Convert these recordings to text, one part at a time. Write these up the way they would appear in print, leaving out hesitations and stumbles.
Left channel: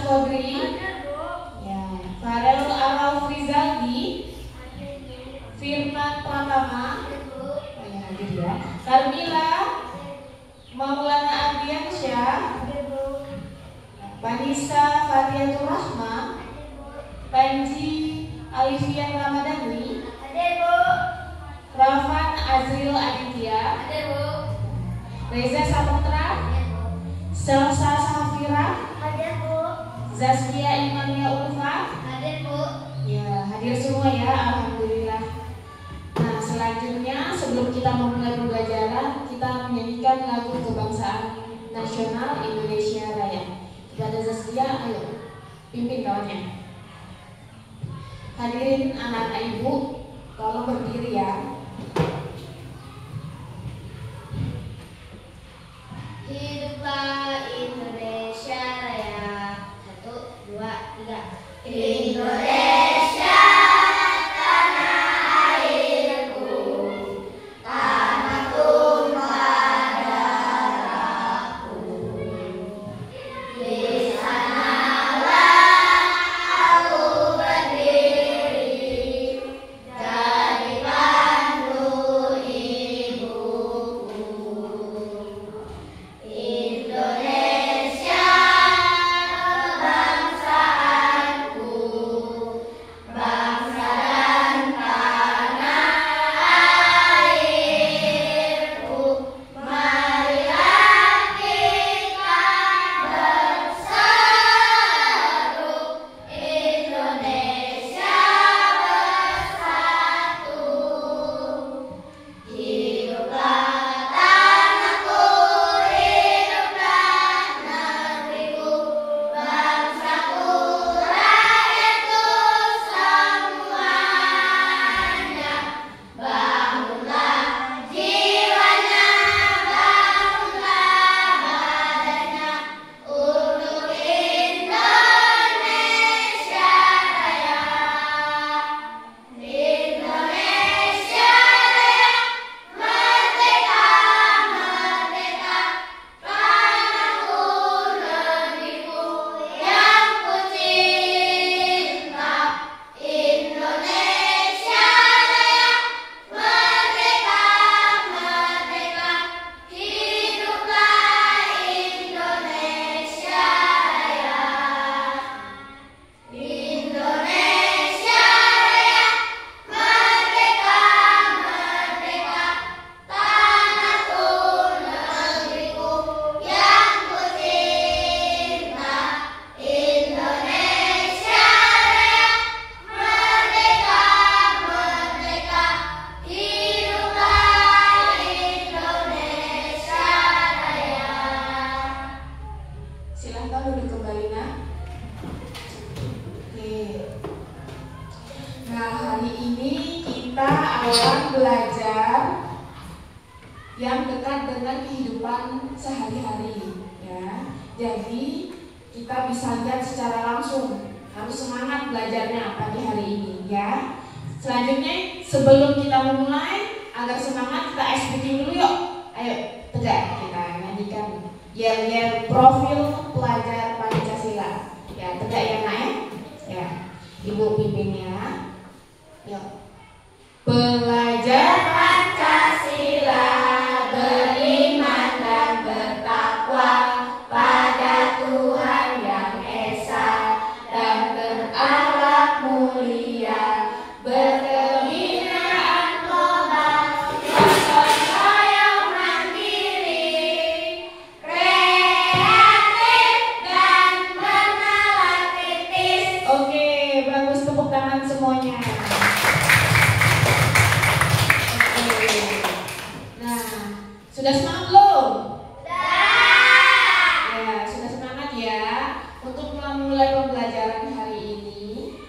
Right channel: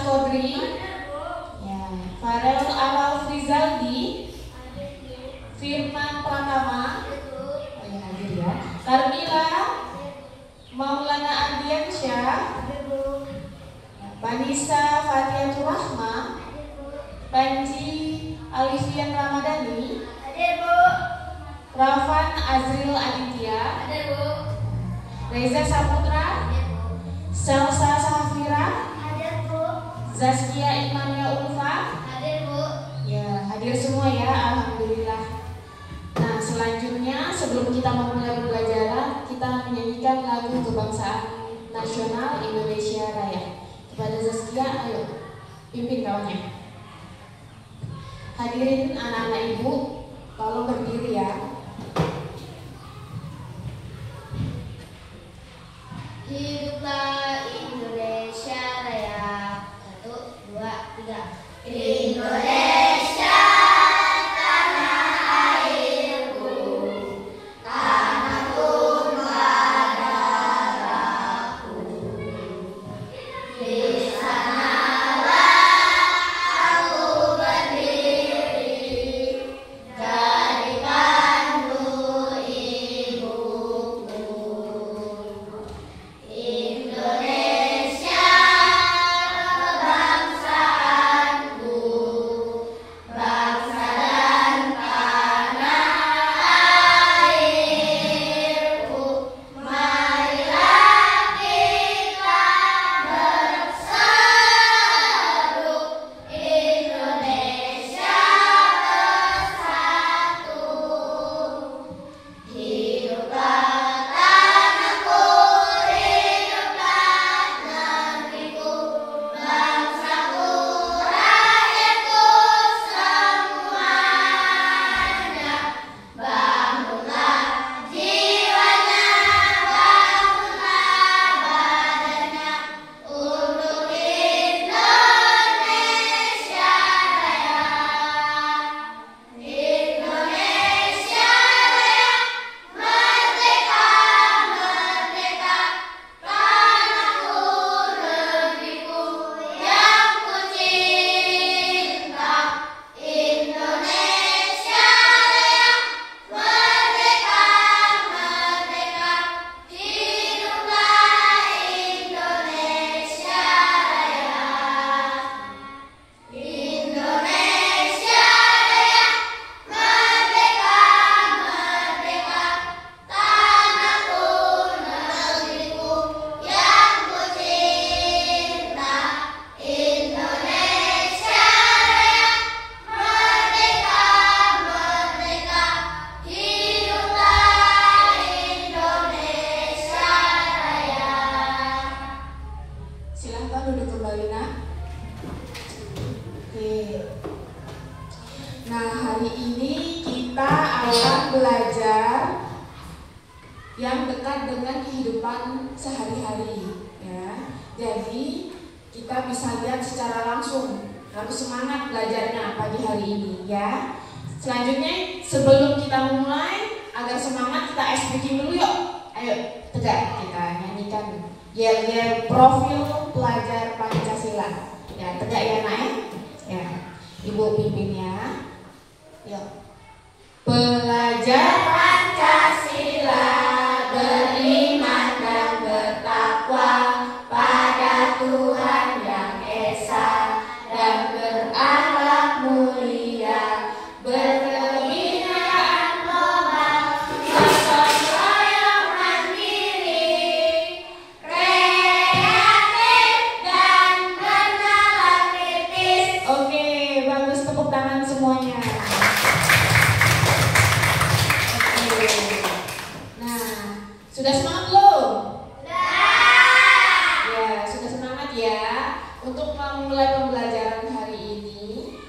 Kodri, ya, Farel Araf Rizaldi, Firman Pratama, oh ya hadir ya, Carmila Maulana Ardiansyah, Vanessa Fatiatul Rahma, Panji Alifian Ramadhani, Rafan Azril Aditya, Reza Saputra, Selsa Safira, Zaskia Imania Ulfa, ya hadir semua ya, alhamdulillah. Nah selanjutnya sebelum kita memulai pembelajaran, kita menyanyikan lagu kebangsaan nasional Indonesia Raya. Kepada Zaskia, ayo pimpin kawannya. Hadirin anak-anak ibu, tolong berdiri ya. Hiduplah Indonesia Raya. 1, 2, 3. Indonesia tanah airku, tanahku darahku. Di sanalah aku berdiri, dari pandu ibuku. Indonesia bangsaanku, bangsa dan tanah airku. Marilah kita berseru, Indonesia bersatu. Hiduplah tanahku, hiduplah negeriku, bangsaku, rakyatku semuanya. Bangunlah jiwanya, bangunlah badannya, untuk Indonesia Raya. Indonesia Raya, merdeka, merdeka, tanahku, negeriku yang ku cinta. Indonesia Raya, merdeka, merdeka, hiduplah Indonesia Raya. Indonesia Raya, merdeka, merdeka, tanahku, negeriku yang ku cinta. Indonesia Raya, merdeka, merdeka, hiduplah Indonesia Raya. Silahkan duduk kembali nak. Oke. Nah hari ini kita akan belajar yang dekat dengan kehidupan sehari-hari ya. Jadi kita bisa lihat secara langsung. Harus semangat belajarnya pagi hari ini ya. Selanjutnya sebelum kita memulai, agar semangat kita ice breaking dulu yuk. Ayo tegak kita nyanyikan yel-yel profil pelajar Pancasila. Ya tegak ya nak ya. Ya ibu pimpin ya. Yuk. Pelajar Pancasila beriman dan bertakwa pada Tuhan yang Esa dan berakhlak mulia, berkebinaan tobat, gotong royong mandiri, kreatif dan bernalar kritis. Oke, bagus, tepuk tangan semuanya. Oke. Nah, sudah semangat belum? Ya, sudah semangat ya. Untuk memulai pembelajaran hari ini,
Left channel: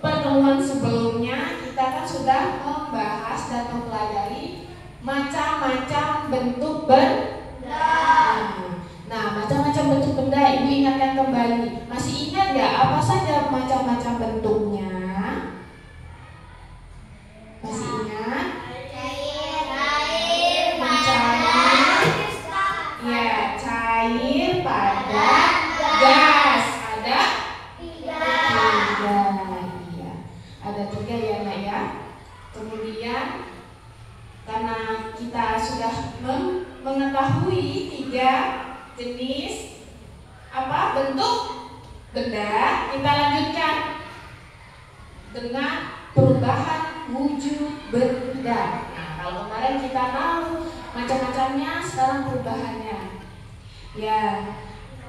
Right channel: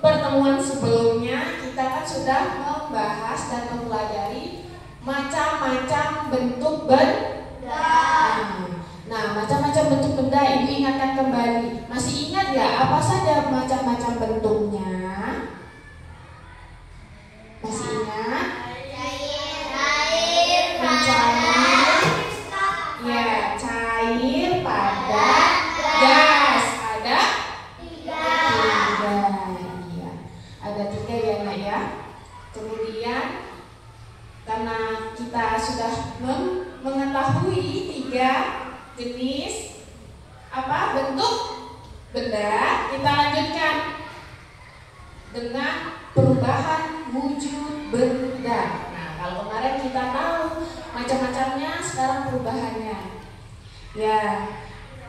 pertemuan sebelumnya kita kan sudah membahas dan mempelajari macam-macam bentuk benda. Nah, macam-macam bentuk benda Ibu ingatkan kembali. Masih ingat ya apa saja macam-macam bentuknya? Masih ingat? Cair, padat, gas. Ada dengan perubahan wujud benda. Nah, kalau kemarin kita tahu macam-macamnya, sekarang perubahannya. Ya,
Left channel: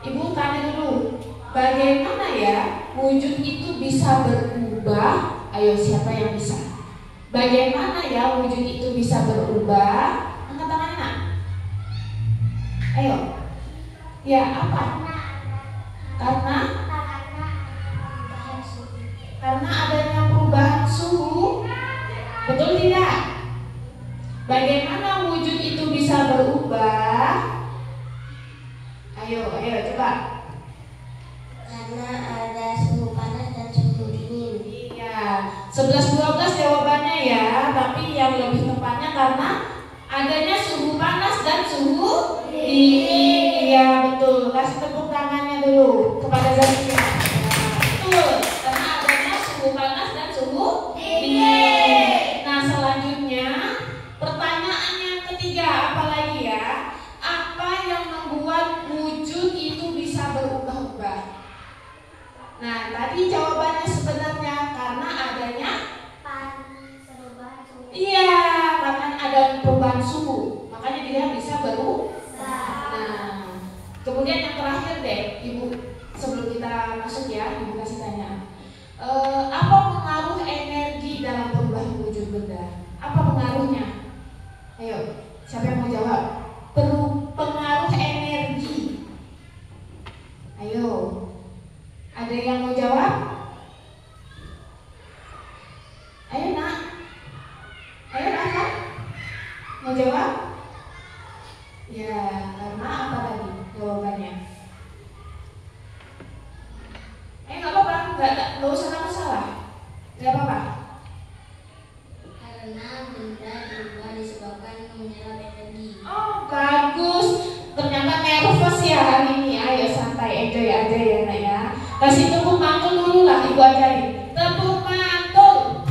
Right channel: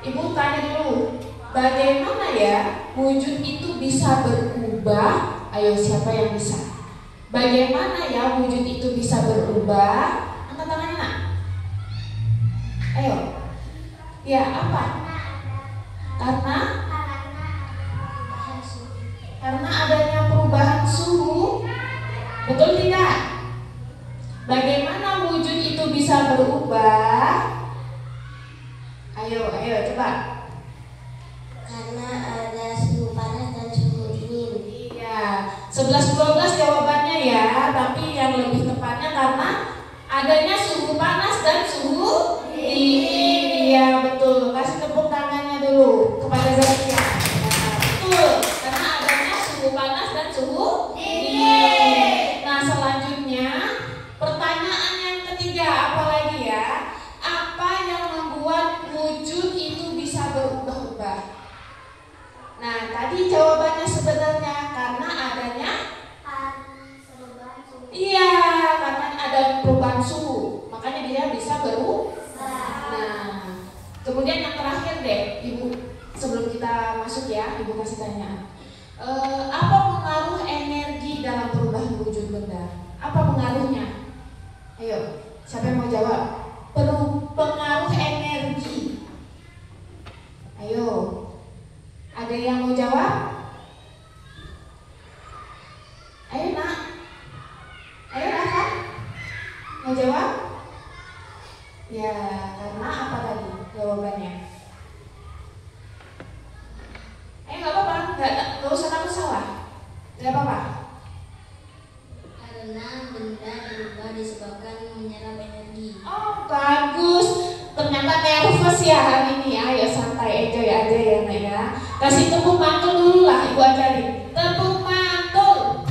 Ibu tanya dulu, bagaimana ya wujud itu bisa berubah? Ayo, siapa yang bisa? Bagaimana ya wujud itu bisa berubah? Angkat tangannya, nak. Ayo. Ya, apa? Karena adanya perubahan suhu. Betul tidak? Bagaimana wujud itu bisa berubah? Ayo coba. Karena ada suhu panas dan suhu dingin. Iya, 11-12 jawabannya ya, tapi yang lebih tepatnya karena adanya suhu panas dan suhu dingin. Iya, betul. Kasih tepuk tangannya dulu kepada Zakia. Betul, karena adanya suhu panas dan suhu dingin. Nah, selanjutnya pertanyaan yang ketiga, apa lagi ya? Apa yang membuat wujud itu bisa berubah-ubah? Nah, tadi jawabannya sebenarnya karena adanya iya, karena ada perubahan suhu, makanya dia bisa berubah. Nah, kemudian yang terakhir deh, Ibu, sebelum kita masuk ya, Ibu kasih tanya. Apa pengaruh energi dalam perubahan wujud benda? Apa pengaruhnya? Ayo, siapa yang mau jawab? Pengaruh energi. Ayo, ada yang mau jawab? Ayo, nak. Ayo, Rafa. Mau jawab? Ya, karena apa tadi jawabannya? Gak apa-apa, gak usah takut salah. Gak apa-apa. Karena benda berubah disebabkan menyerap energi. Oh, bagus. Ternyata nervous ya hari ini. Ayo santai, enjoy aja ya, nak ya. Kasih tepuk mantul dulu lah, Ibu ajarin. Tepuk mantul.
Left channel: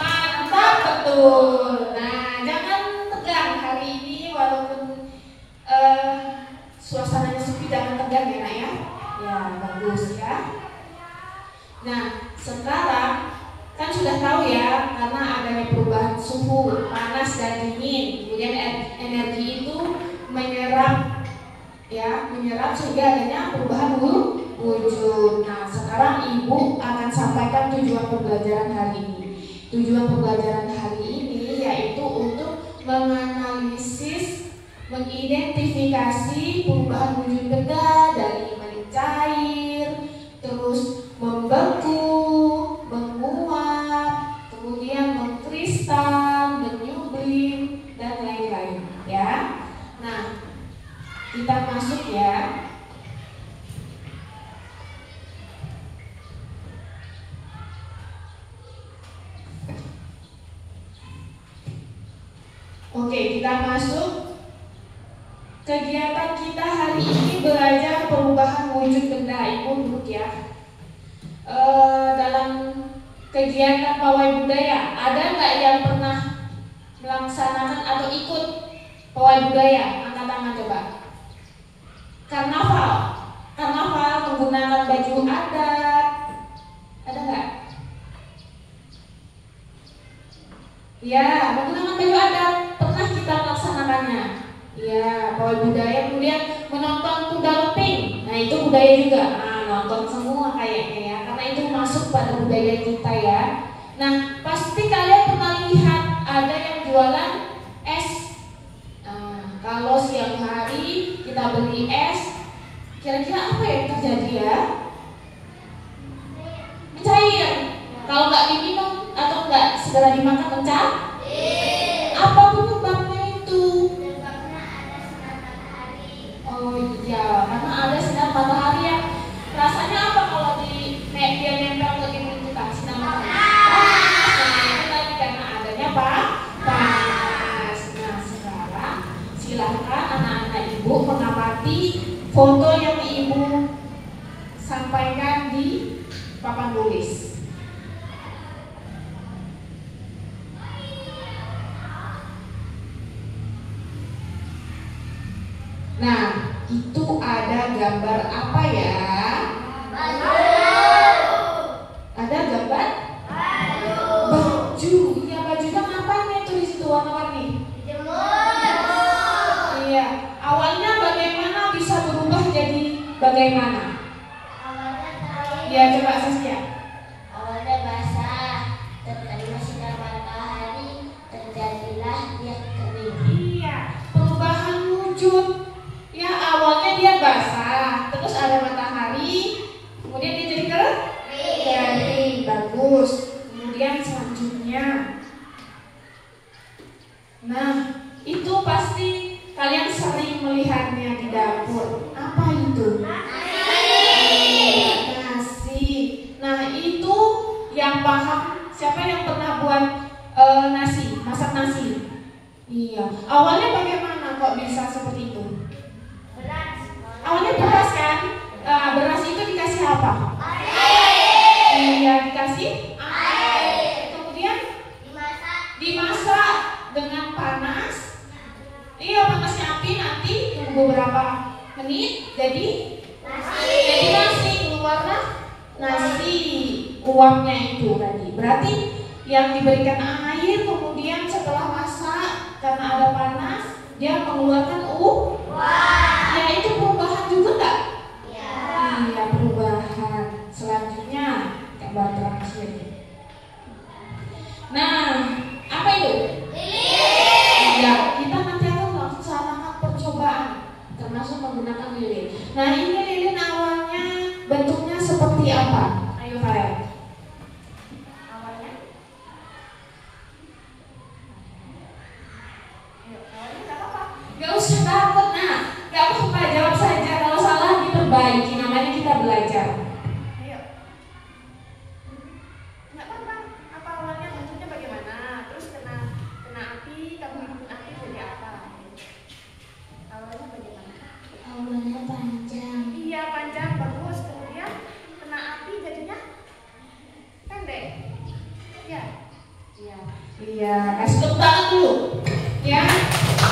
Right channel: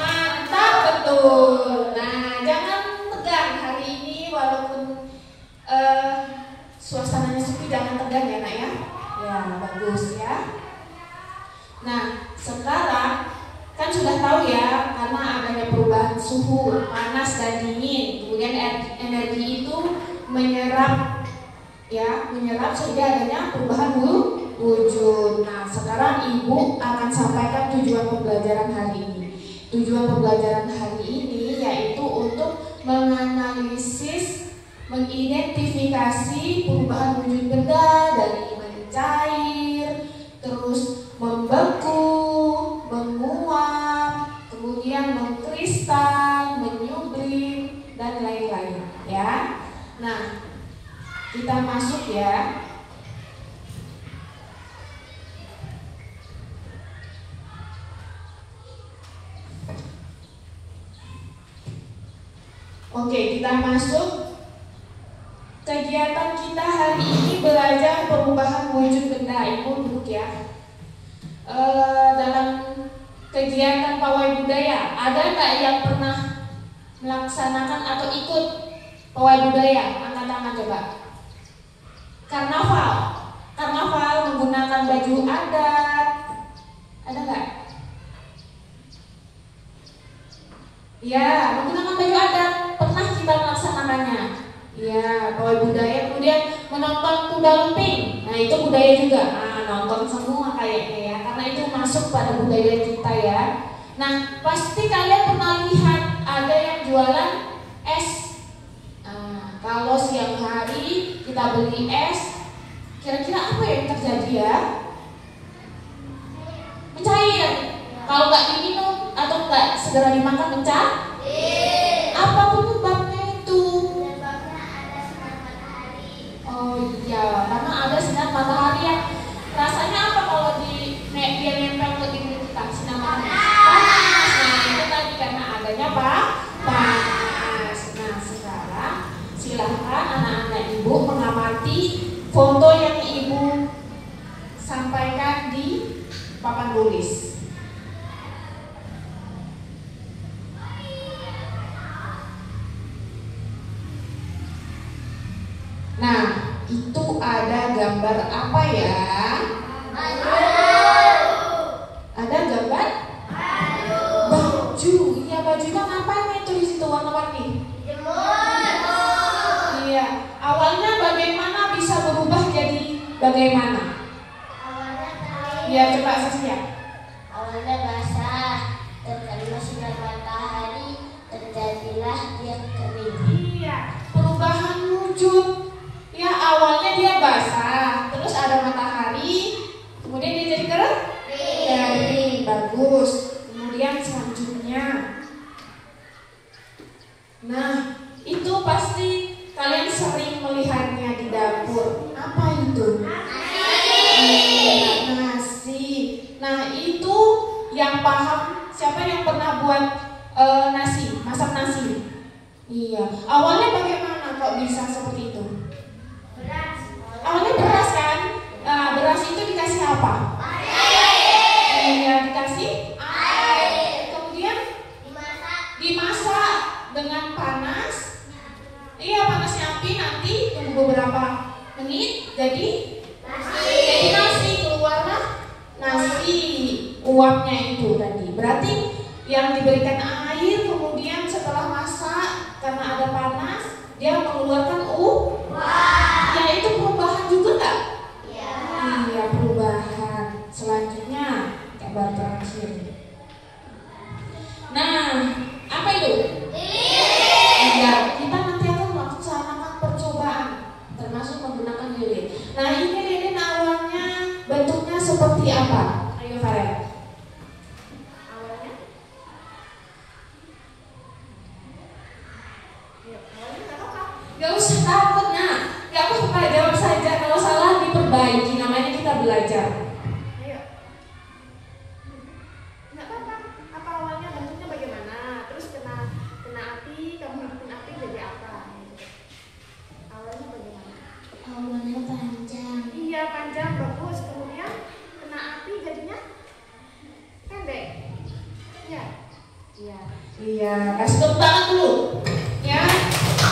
Mantap, betul. Nah, jangan tegang hari ini, walaupun suasananya sepi, jangan tegang ya, nak ya. Ya, bagus ya. Nah, sekarang kan sudah tahu ya, karena adanya perubahan suhu panas dan dingin, kemudian energi itu menyerap sehingga adanya perubahan wujud. Nah, sekarang Ibu akan sampaikan tujuan pembelajaran hari ini. Tujuan pembelajaran hari ini yaitu untuk menganalisis, mengidentifikasi perubahan wujud benda dari mencair, terus membeku, menguap, kemudian mengkristal, menyublim, dan lain-lain ya. Nah, kita masuk ya. Oke, kita masuk. Kegiatan kita hari ini belajar perubahan wujud benda. Ibu duduk ya. Dalam kegiatan pawai budaya, ada nggak yang pernah melaksanakan atau ikut pawai budaya? Angkat tangan coba. Karnaval menggunakan baju adat, ada nggak? Ya, menggunakan baju adat pernah kita melaksanakannya. Ya, pawai budaya, kemudian menonton kuda lumping. Nah, itu budaya juga. Nah, nonton semua kayaknya ya, karena itu masuk pada budaya kita ya. Nah, pasti kalian pernah lihat ada yang jualan es. Nah, kalau siang hari kita beli es, kira-kira apa yang terjadi ya? Mencair. Kalau nggak diminum atau nggak segera dimakan mencair. Apa penyebabnya itu? Oh iya, karena ada sinar matahari yang rasanya apa kalau dia nempel ke diri kita? Sinar matahari. Nah, itu tadi karena adanya apa? Panas. Nah, sekarang silahkan anak-anak Ibu mengamati foto yang Ibu sampaikan di papan tulis. Nah, itu ada gambar apa ya? bagaimana? Awalnya kering. Ya, coba Saskia. Awalnya basah, terkena sinar matahari, terjadilah dia kering. Iya, perubahan wujud. Ya, awalnya dia basah, terus ada matahari, kemudian dia jadi kering. Bagus. Kemudian selanjutnya, nah itu pasti kalian sering melihatnya di dapur. Apa itu? Nasi. Nah itu yang paham, siapa yang pernah buat nasi, masak nasi? Iya. Awalnya bagaimana kok bisa seperti itu? Awalnya beras kan? Nah, beras itu dikasih apa? Iya, dikasih air. Kemudian dimasak dengan panas. Iya, panasnya api, nanti tunggu beberapa menit jadi nasi, keluarlah nasi uapnya itu tadi. Berarti yang diberikan air, kemudian setelah masak karena ada panas dia mengeluarkan ya itu perubahan juga enggak? Iya, perubahan. Selanjutnya gambar terakhir. Nah, apa itu? Iya, kita nanti akan melaksanakan percobaan termasuk menggunakan lilin. Nah, ini lilin awalnya bentuknya seperti apa? Ayo Farel. Awalnya? Awalnya nggak apa-apa. Gak usah takut, nah, gak apa-apa, jawab saja. Kalau salah diperbaiki, namanya kita belajar. Ayo. Nggak apa-apa. Apa awalnya bentuknya bagaimana? Terus kena api, kamu hidupin api jadi apa? Awalnya bagaimana? Awalnya panjang. Iya, panjang, bagus. Kemudian kena api jadinya pendek. Iya. Iya, kasih tepuk tangan dulu. Ya.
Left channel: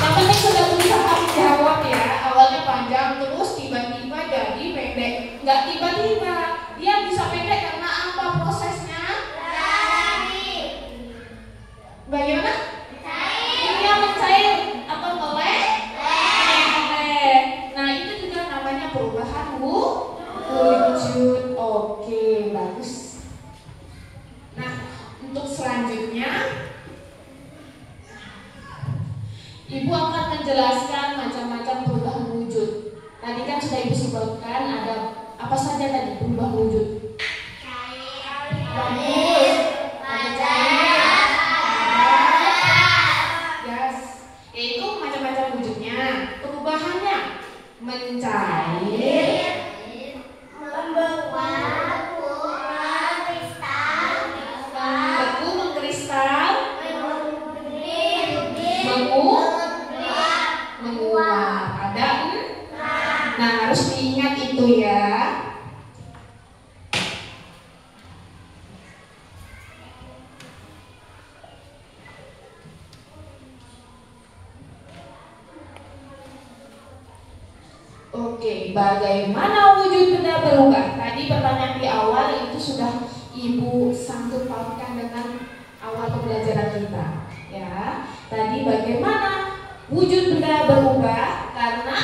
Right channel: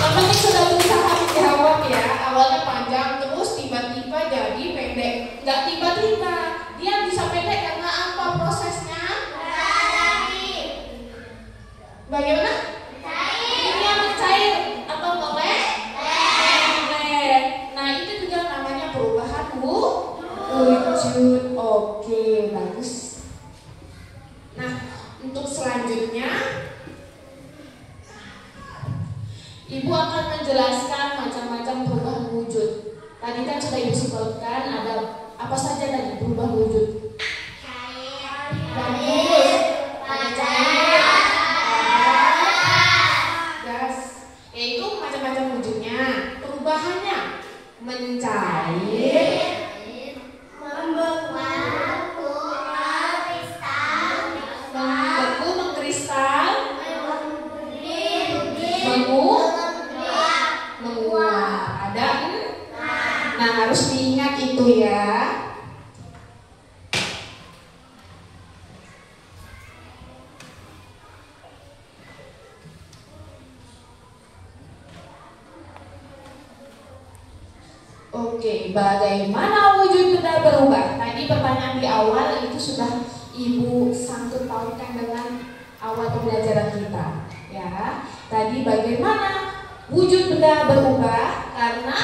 Yang penting sudah berusaha menjawab ya. Awalnya panjang terus tiba-tiba jadi pendek. Enggak tiba-tiba. Dia bisa pendek karena apa prosesnya? Bagaimana? Dia mencair atau meleleh? Nah, itu juga namanya perubahan wujud. Oke, bagus. Nah, untuk selanjutnya Ibu akan menjelaskan macam-macam perubahan wujud. Tadi kan sudah Ibu sebutkan ada apa saja tadi perubahan wujud. Bagus. Ada gas. Yaitu macam-macam wujudnya. Perubahannya mencair, beku, mengkristal, menguap. Ada? Nah, harus diingat itu ya. Oke, bagaimana wujud benda berubah? Tadi pertanyaan di awal itu sudah Ibu sangkut pautkan dengan awal pembelajaran kita. Ya, tadi bagaimana wujud benda berubah? Karena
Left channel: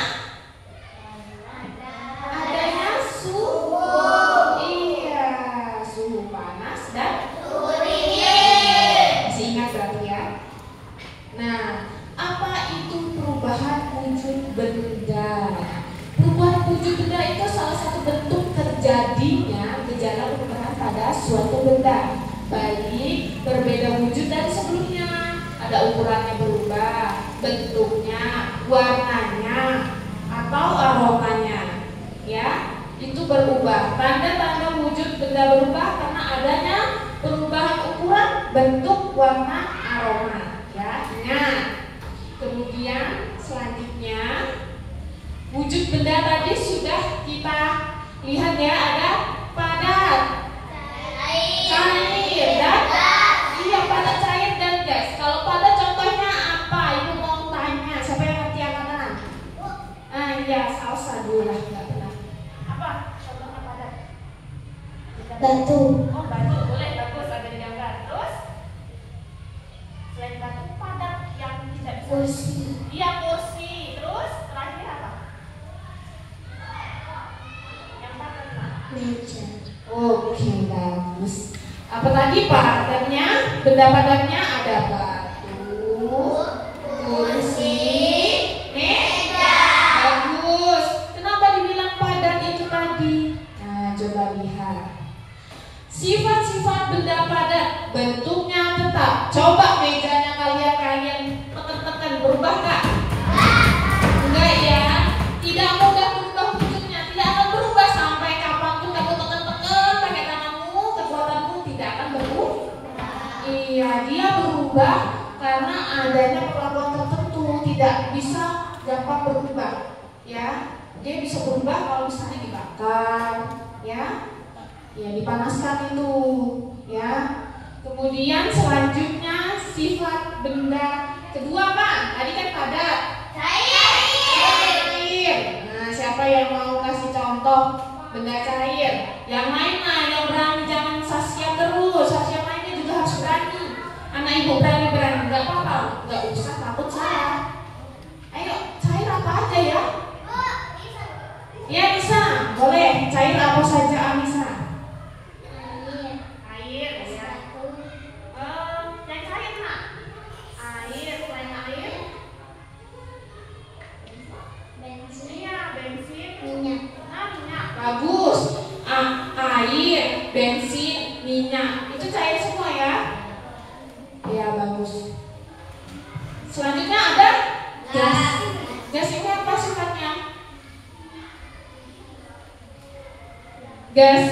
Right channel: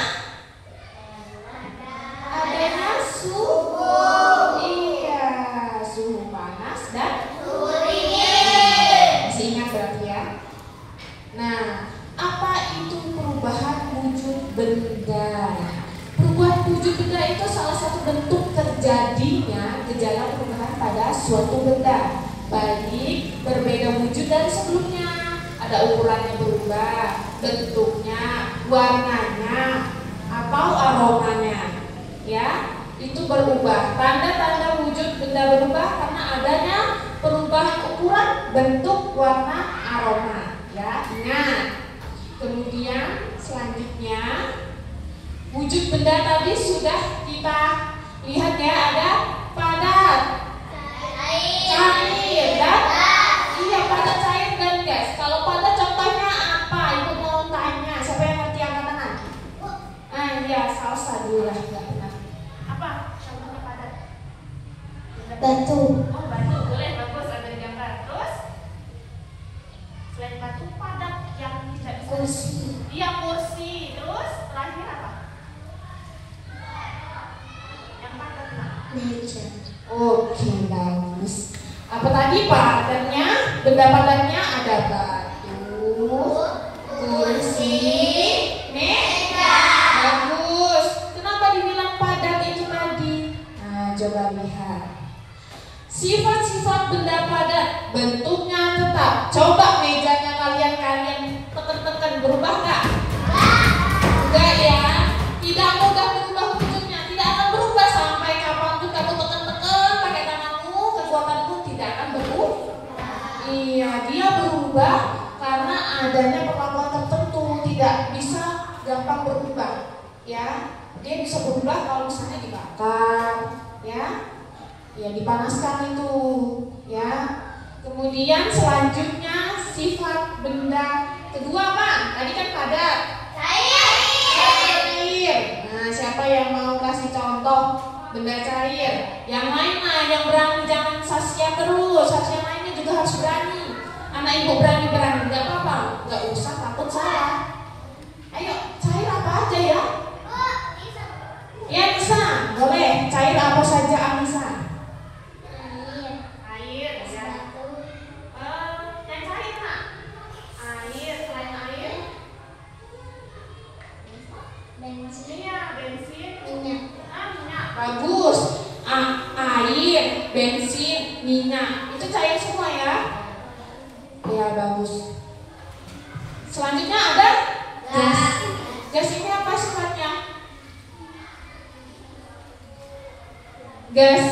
adanya suhu. Iya, suhu panas dan suhu dingin. Masih ingat berarti ya? Nah, apa itu perubahan wujud benda? Perubahan wujud benda itu salah satu bentuk terjadinya gejala perubahan pada suatu benda, baik berbeda wujud dari sebelumnya. Ada ukurannya berubah, bentuknya, warnanya, atau aromanya. Ya, itu berubah. Tanda-tanda wujud benda berubah karena adanya perubahan ukuran, bentuk, warna, aroma. Ya, ingat. Kemudian selanjutnya wujud benda tadi sudah kita lihat ya, ada padat, cair, dan padat, cair, dan gas. Kalau padat contohnya apa? Ibu mau tanya, siapa yang ngerti angkat tangan? Ya, salsa dulu lah, nggak benar. Apa contohnya padat? Batu. Oh, batu, boleh, bagus, ada gambar. Terus selain batu padat yang tidak bisa. Kursi. Iya, kursi. Terus terakhir apa? Meja. Oke, bagus. Apa tadi padannya? Benda padannya ada batu, kursi, meja. Bagus. Kenapa dibilang padat itu tadi? Nah, coba lihat. Sifat-sifat benda padat, bentuknya tetap. Coba mejanya kalian tekan-tekan, berubah nggak? Enggak ya. Tidak mudah berubah bentuknya, tidak akan berubah sampai kapanpun kamu tekan-tekan pakai tanganmu, kekuatan pun tidak akan berubah. Iya, dia berubah karena adanya perlakuan tertentu, tidak bisa gampang berubah. Ya, dia bisa berubah kalau misalnya dibakar, ya. Ya, dipanaskan itu, ya. Kemudian selanjutnya sifat benda kedua apa? Tadi kan padat. Cair. Nah, siapa yang mau kasih contoh benda cair? Yang lain lah, yang berani, jangan Saskia terus. Saskia lainnya juga harus berani. Anak ibu berani, nggak apa-apa, nggak usah takut salah. Ayo, cair apa aja ya? Ya bisa, boleh. Cair apa saja Anissa? Air, ya. Yang cair nak? Air, selain air? Bensin. Iya, bensin. Minyak. Minyak. Bagus. Air, bensin, minyak. Itu cair semua ya? Ya, bagus. Selanjutnya ada gas. Gas ini apa sifatnya? Gas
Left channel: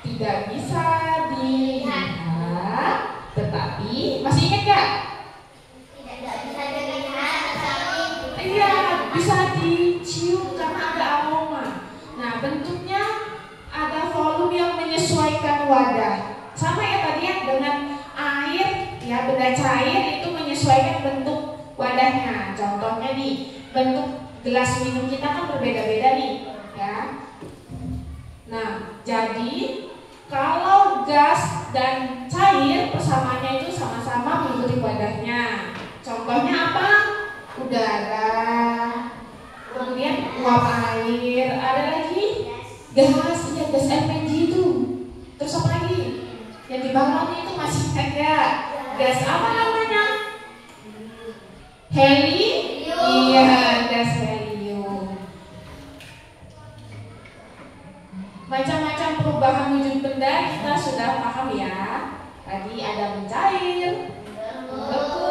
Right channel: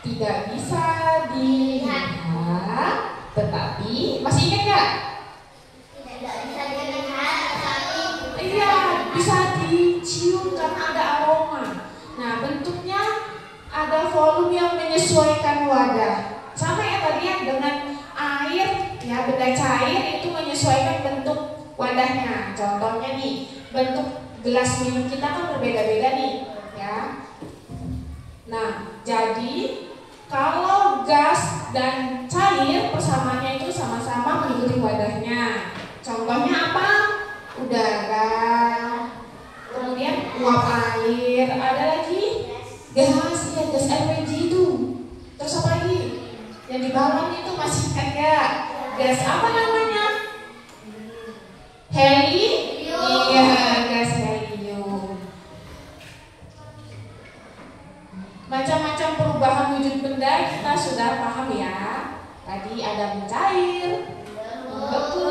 tidak bisa dilihat, tetapi masih ingat gak? Tidak bisa dilihat, tetapi Iya, bisa dicium karena ada aroma. Nah, bentuknya ada volume yang menyesuaikan wadah. Sama ya tadi ya, dengan air, ya benda cair itu menyesuaikan bentuk wadahnya. Contohnya nih, bentuk gelas minum kita kan berbeda-beda nih, ya. Nah, jadi kalau gas dan cair persamaannya itu sama-sama mengikuti wadahnya. Contohnya apa? Udara, kemudian uap air, ada lagi gas, ya gas LPG itu. Terus apa lagi? Yang di balon itu masih ada gas apa namanya? Iya, gas helium. Macam-macam perubahan wujud benda kita sudah paham ya. Tadi ada mencair, membeku,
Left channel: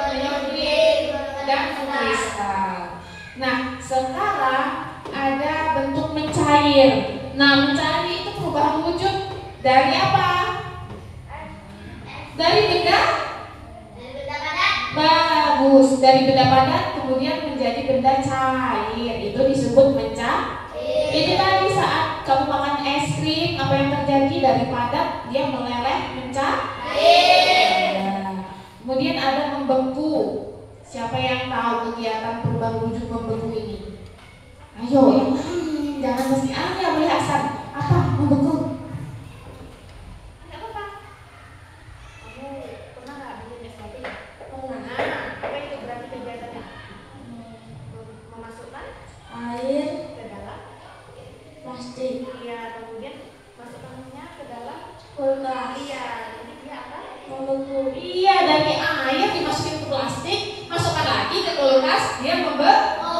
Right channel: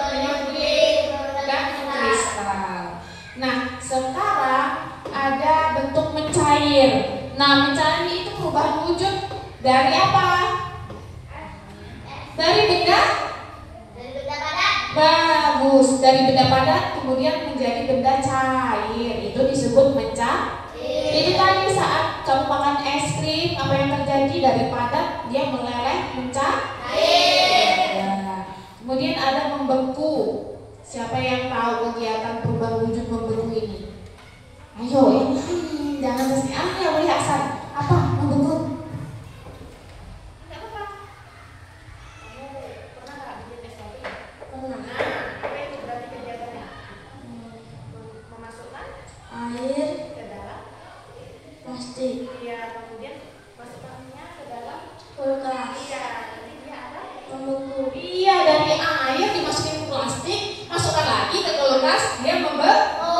menyempit, dan mengkristal. Nah, sekarang ada bentuk mencair. Nah, mencair itu perubahan wujud dari apa? Dari benda? Bagus, dari benda padat kemudian menjadi benda cair. Itu disebut mencair. Itu tadi saat kamu makan es krim, apa yang terjadi dari padat dia meleleh mencair. Nah, kemudian ada membeku. Siapa yang tahu kegiatan perubahan wujud membeku ini? Ayo, yang lain, jangan mesti ya boleh asal. Apa membeku? Enggak apa-apa. Kamu pernah nggak bikin es kopi? Nah, apa itu berarti kegiatannya? Memasukkan air ke dalam plastik iya, kemudian masukkannya ke dalam kulkas iya, nanti dia apa? membeku. Iya, dari air dimasukin ke plastik, masukkan lagi ke kulkas, dia membeku.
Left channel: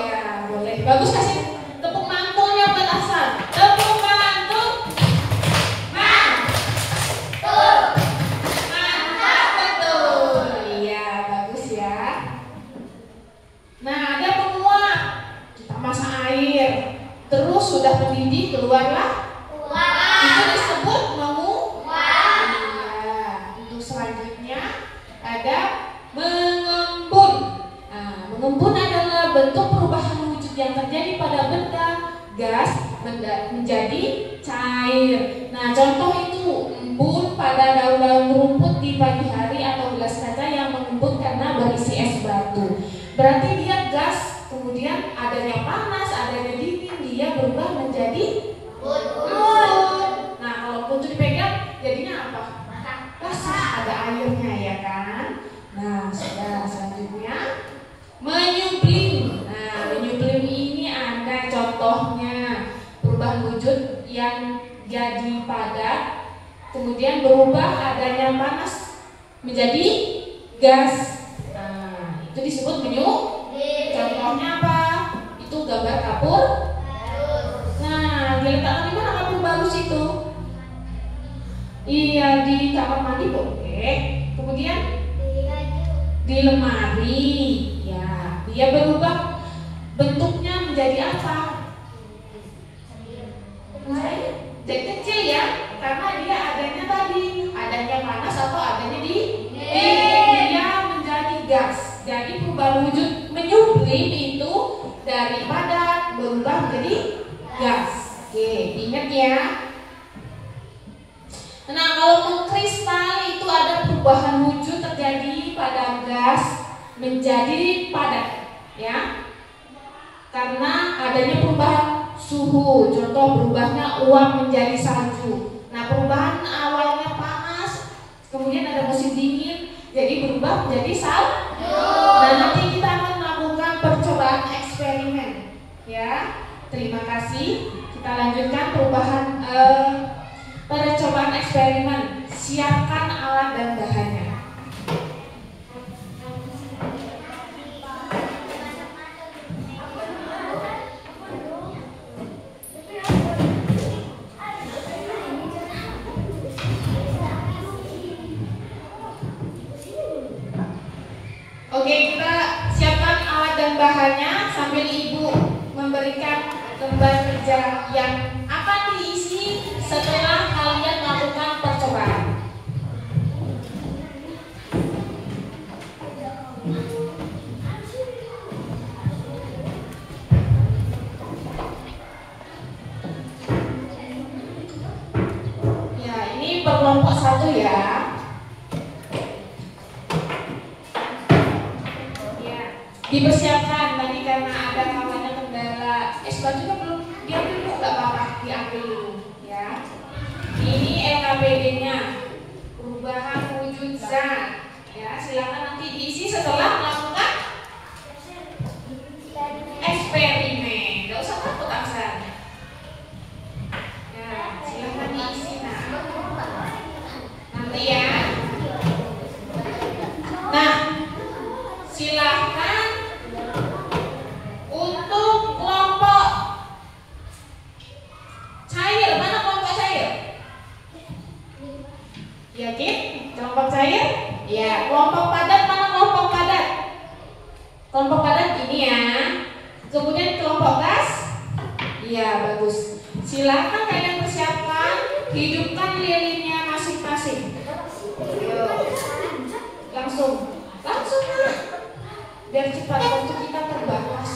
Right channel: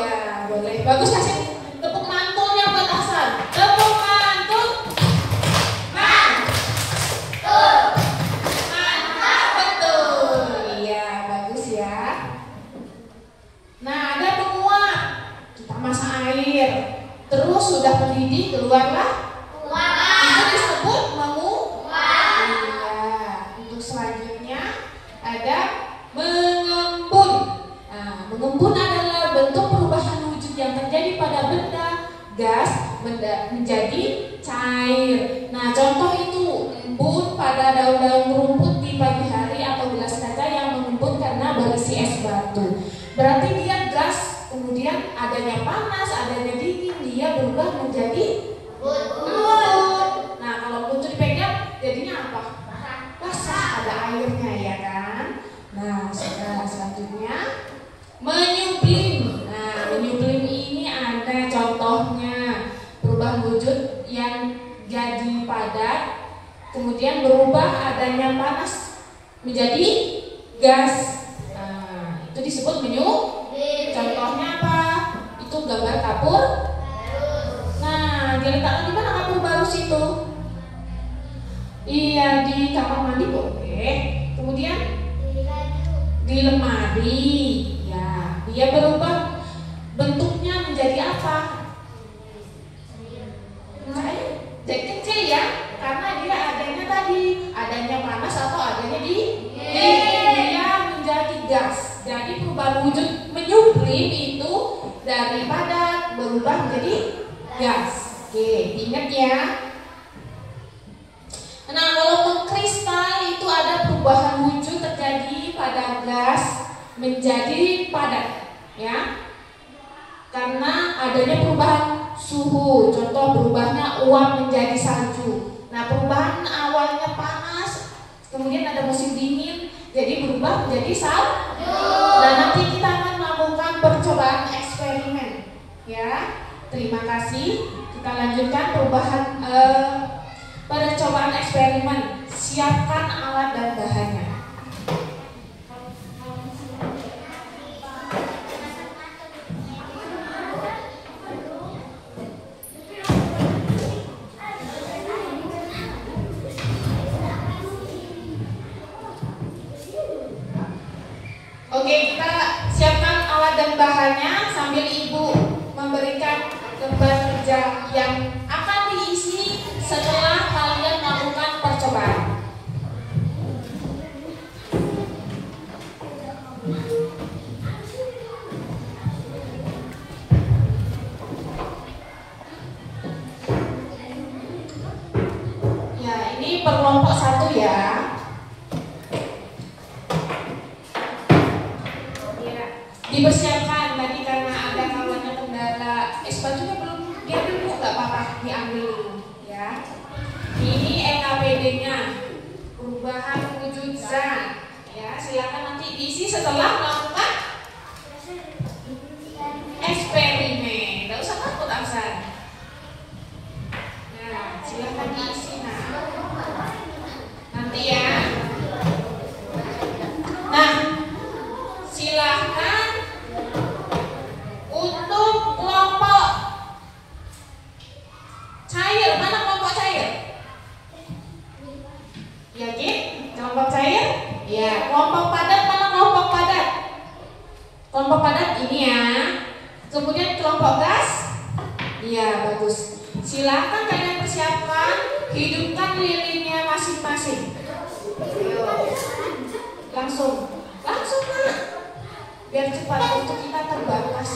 Iya, boleh. Bagus, kasih tepuk mantulnya buat Hasan. Tepuk mantul. Mantap betul. Iya, bagus ya. Nah, ada penguap. Kita masak air. Terus sudah mendidih, keluarlah. Itu disebut menguap. Iya. Untuk selanjutnya ada mengembun. Nah, mengembun adalah bentuk perubahan wujud yang terjadi pada benda gas menjadi cair. Nah, contoh itu embun pada daun-daun rumput di pagi hari atau gelas kaca yang mengembun karena berisi es batu. Berarti dia gas, kemudian adanya panas, adanya dingin, dia berubah menjadi bun. Nah, kalau bun itu dipegang, jadinya apa? Basah, ada airnya ya kan? Nah, sudah selanjutnya menyublim. Nah, menyublim ini berubah adanya panas menjadi gas. Nah, itu disebut menyup. Contohnya apa? Itu gambar kapur. Nah, diletakkan di mana kapur barus itu? Iya, di kamar mandi boleh. Kemudian di lemari. Ya, dia berubah bentuknya menjadi apa? Jadi kecil ya, karena dia adanya tadi, adanya panas atau adanya di dia menjadi gas. Jadi perubahan wujud menyublim itu dari padat berubah menjadi gas. Oke, ingat ya. Nah, kalau mengkristal itu ada perubahan wujud terjadi pada gas menjadi padat, ya. Karena adanya perubahan suhu, contoh berubahnya uap menjadi salju. Nah, perubahan awalnya panas, kemudian ada musim dingin, jadi berubah menjadi salju. Dan nanti kita akan melakukan percobaan eksperimen, ya. Terima kasih. Kita lanjutkan perubahan percobaan eksperimen. Siapkan alat dan bahannya. Oke, kita siapkan alat dan bahannya sambil Ibu memberikan beban kerja yang akan diisi setelah kalian melakukan percobaan. Ya, ini per kelompok 1 ya. Dipersiapkan tadi karena ada namanya kendala selanjutnya belum, biar dulu nggak apa-apa, diambil dulu ya. Ini EKBD-nya, perubahan wujud zat ya. Silakan nanti diisi setelah melakukan eksperimen. Nggak usah takut Aksan. Nah, silakan diisi nanti ya. Nah, silakan untuk kelompok cair. Mana kelompok cair? Yakin? Kelompok cair? Ya. Kelompok padat, mana kelompok padat? Kelompok padat ini ya. Kemudian kelompok gas? Iya, bagus. Silakan kalian persiapkan, hidupkan lilinnya masing-masing. Ayo. Langsung Pak. Biar cepat waktu kita terbatas.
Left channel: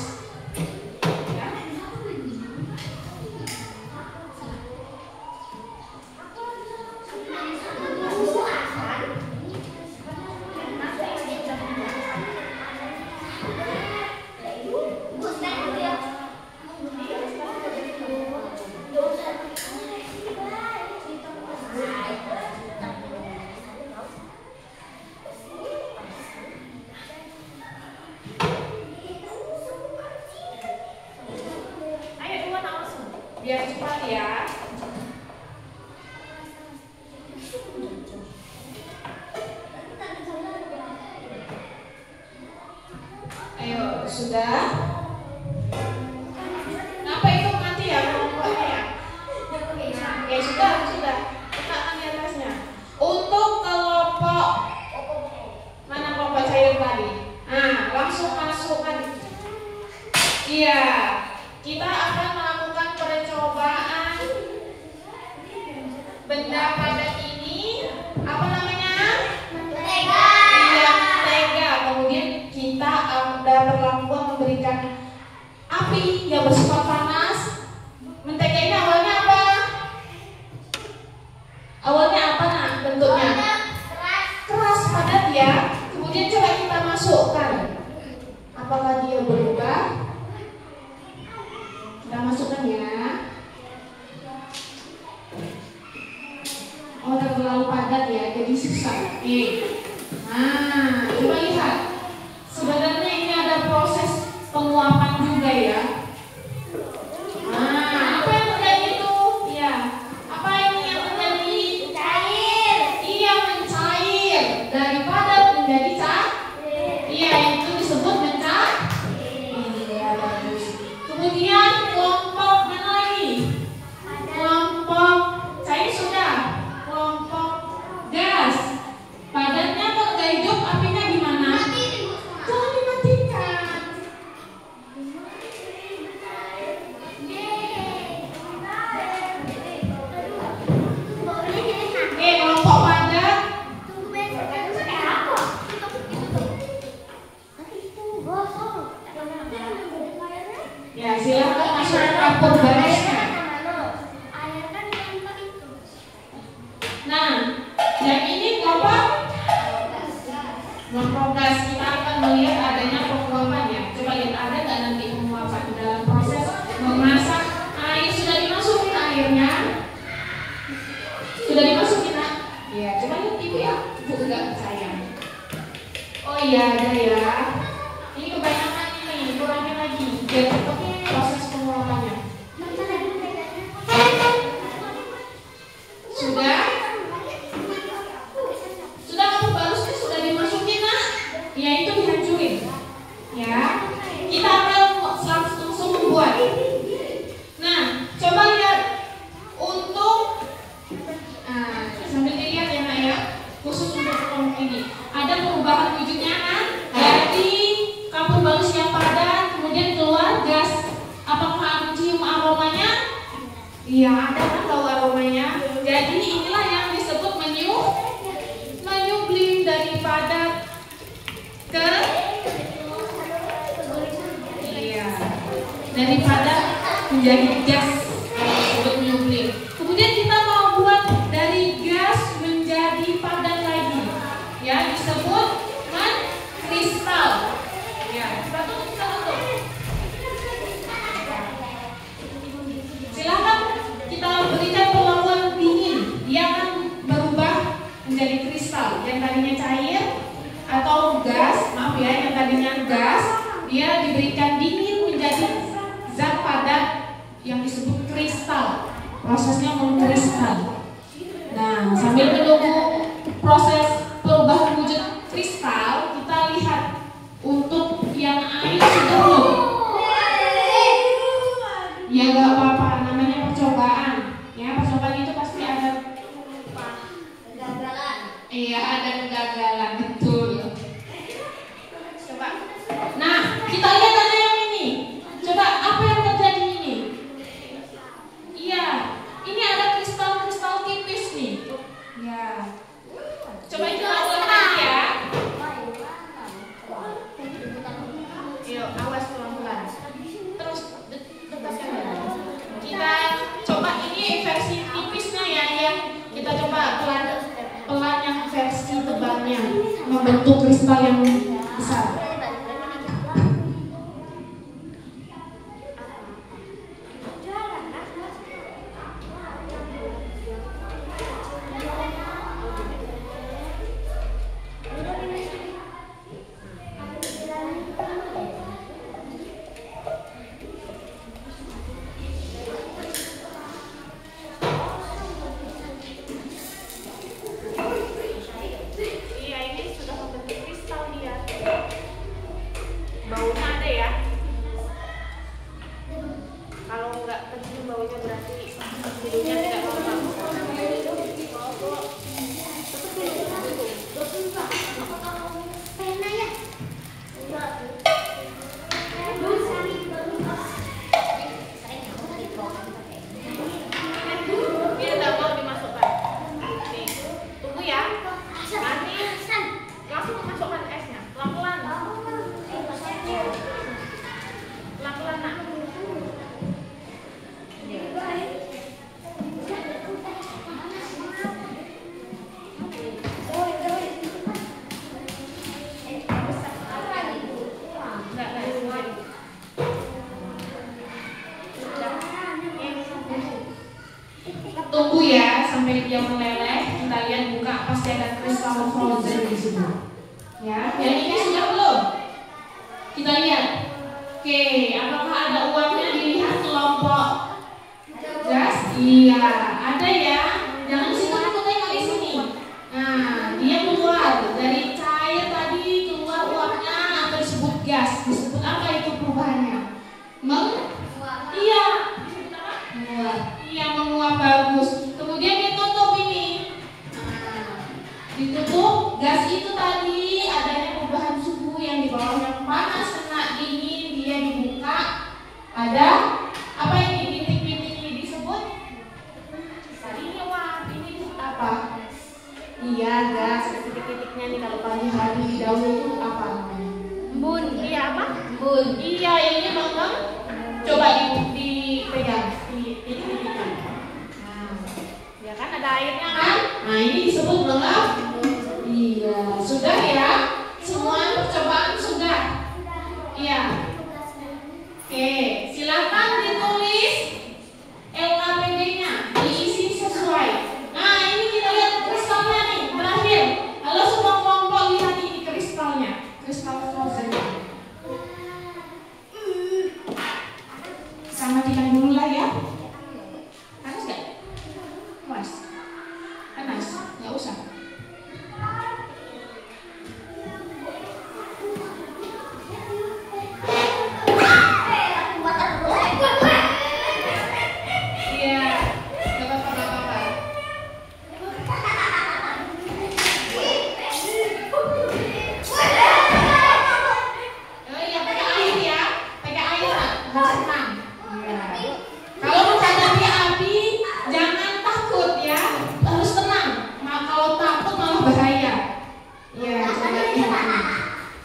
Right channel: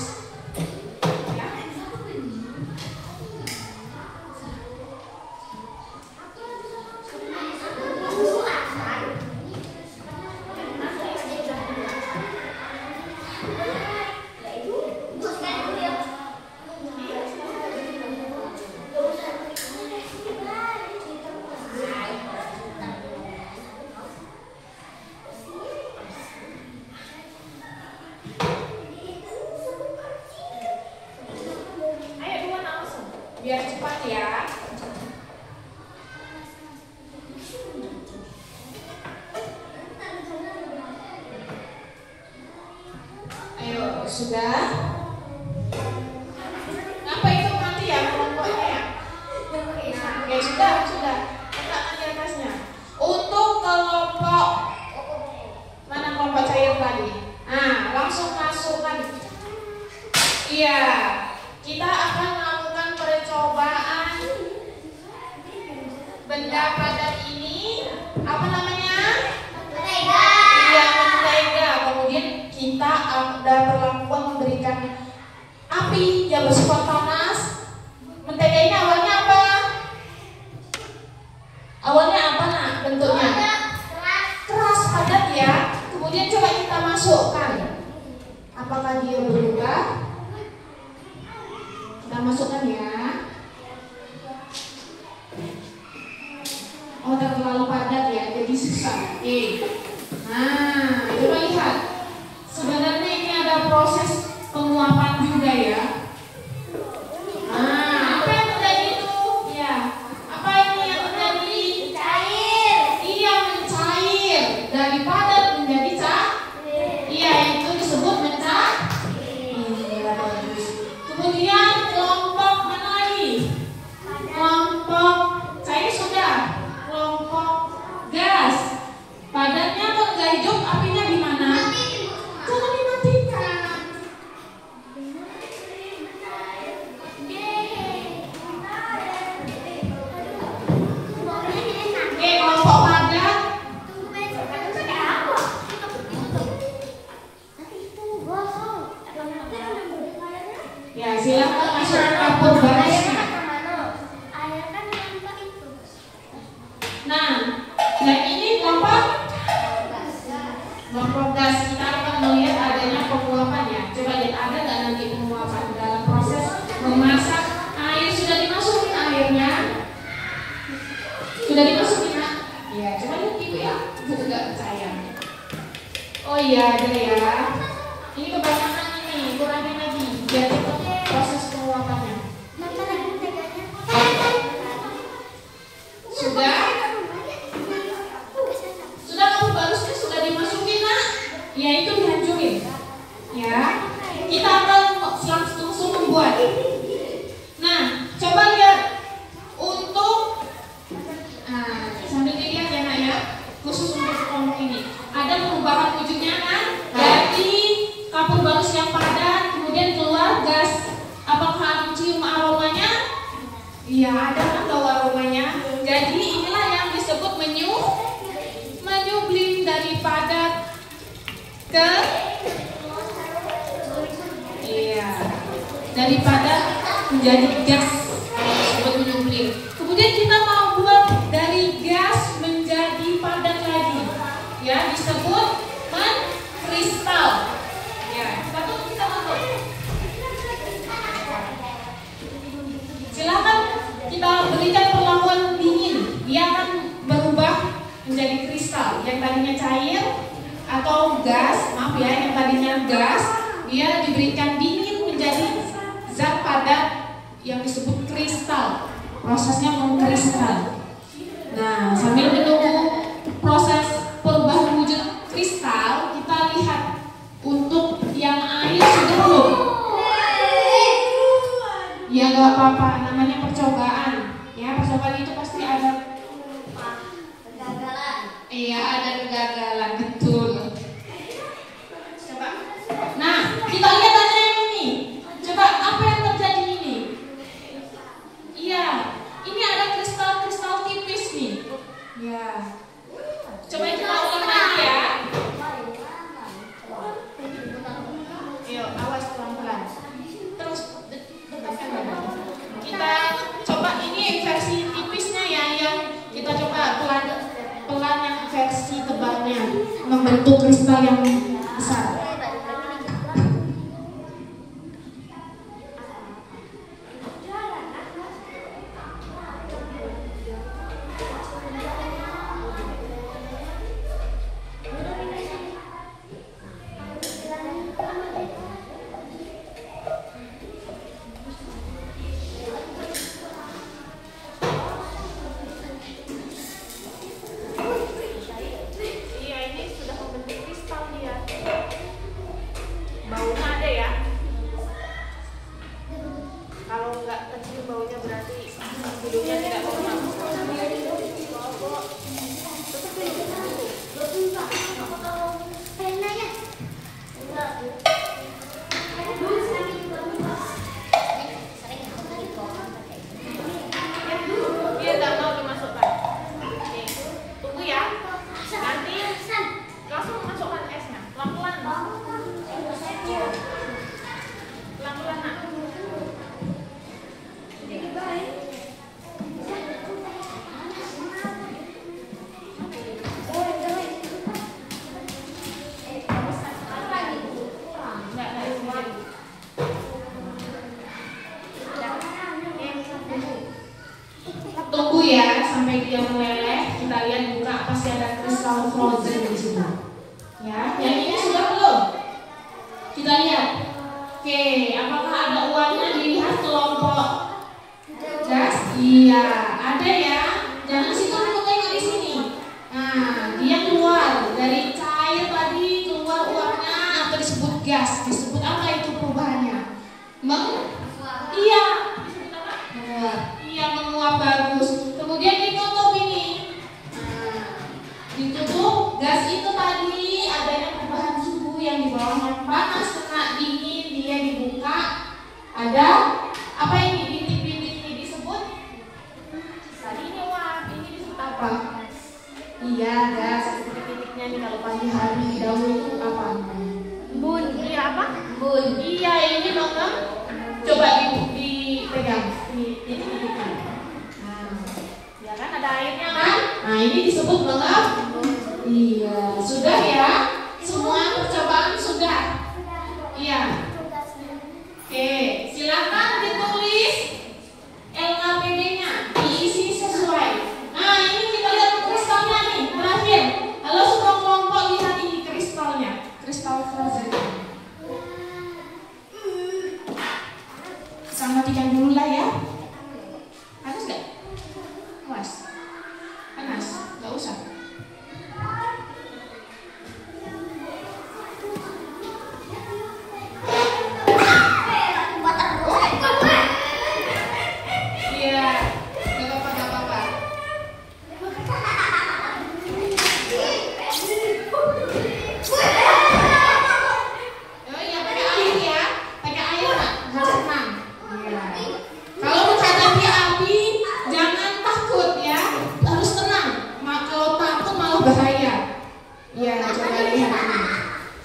Biar cepat ya. Ayo, sudah? Apa itu nanti ya? Ya. Nah, ya sudah. Letakkan di atasnya. Untuk kelompok mana kelompok cair tadi? Nah, langsung masukkan. Iya, kita akan melakukan percobaan benda padat ini. Apa namanya? Mentega. Iya, mentega. Kemudian kita ada perlakuan memberikan api yang bersifat panas. Mentega ini awalnya apa? Awalnya apa nak bentuknya? Keras padat ya. Kemudian coba kita masukkan. Apakah dia berubah? Kita masukkan ya. Oh, terlalu padat ya, jadi susah. Oke. Nah, coba lihat. Sebenarnya ini ada proses penguapan juga ya. Ya, silakan masukkan pembalasnya. Nah, yang ini apa? Memprogres. Kita akan melihat adanya penguapan ya. Coba lihat ada nggak nanti penguapan dalam proses memasak. Air sudah dimasukin airnya. Sudah dimasukin nak? Ya, coba lihat ibu ya. Ibu nggak percaya. Oh iya ada ya. Ini kebanyakan ini, kurangin lagi. Biar cepat proses penguapannya. Sudah kamu balusnya sudah dimasukin nak? Ya itu dihancurin. Ya, kita akan langsung membuat. Nah, coba lihat untuk sambil dilihat ya nak ya, khusus untuk kelompok ini ada perubahan wujudnya kan? Dari kapur balus yang padat kemudian keluar gas. Apakah cium aromanya? Iya ada kan bau aromanya. Jadi inilah yang disebut menyublim dari padat ke dari padat menjadi gas disebut menyublim. Kemudian kita mau buat dari gas menjadi padat lagi, ya disebut kristal. Ya kita tutup. Silakan kita berikan perlakuan dingin, dia akan berubah menjadi kristal. Yang tadinya cair atau gas, maaf ya, yang tadinya gas, dia diberikan dingin menjadi zat padat yang disebut kristal. Prosesnya mengkristal. Nah, sambil menunggu proses perubahan wujud kristal, kita lihat untuk yang air sudah belum? Ya gak apa-apa, namanya percobaan. Ya, percobaan itu pasti ada kegagalan. Iya, ada kegagalan, betul. Coba. Nah, kita lihat aja yang ini. Coba apa yang terjadi ini? Iya, ini ada kristal-kristal tipis nih. Ya. Coba kita ulang lagi ya. Yuk, awas pelan-pelan. Terus dekatkan dada. Kita coba ini versi tipisnya ya, yang kita coba pelan yang versi tebalnya membentuk kristal yang besar. Tunggu ya sampai dia meleleh. Kita lihat buka pasti ada kristal frozen di situ. Ya, yang ini sudah belum? Kita lihat. Oke, apakah ada uangnya dilihat kelompok gas? Iya, ada ya. Jangan sih kamu tengok di sini. Nah, dia keluar dari cair tadi, keluar uangnya atau disebut gas. Disebut apa itu perubahannya? Iya. Disebut apa? Menguap. Iya, menguap bagus. Kemudian ditutup ini. Nah, ditutup. Gas itu tadi adanya perubahan suhu yang di bawah yang panas kena dingin, dia dibuka. Ada apa ini? Bintik-bintik ini disebut? Tadi ini wah, ini disebut apa? Iya, gas. Bintik-bintiknya ini kalau pagi hari dahulu itu apa namanya? Embun. Iya apa? Embun. Iya, ini Coba dipegang, dititik-titikkan. Nah, ya kan ada airnya kan? Nah, ini disebut belum? Iya, sudah ya. Semua percobaan sudah. Iya. Oke, silakan ditulis LKPD-nya, diisi sesuai. Nah, ini kita lihat kristalnya nih, terakhir. Halo semua kelompok, lihat ini kristalnya, kristal frozen. Kita matikan dulu lah ya. Panas nggak? Mas, panas, nggak usah.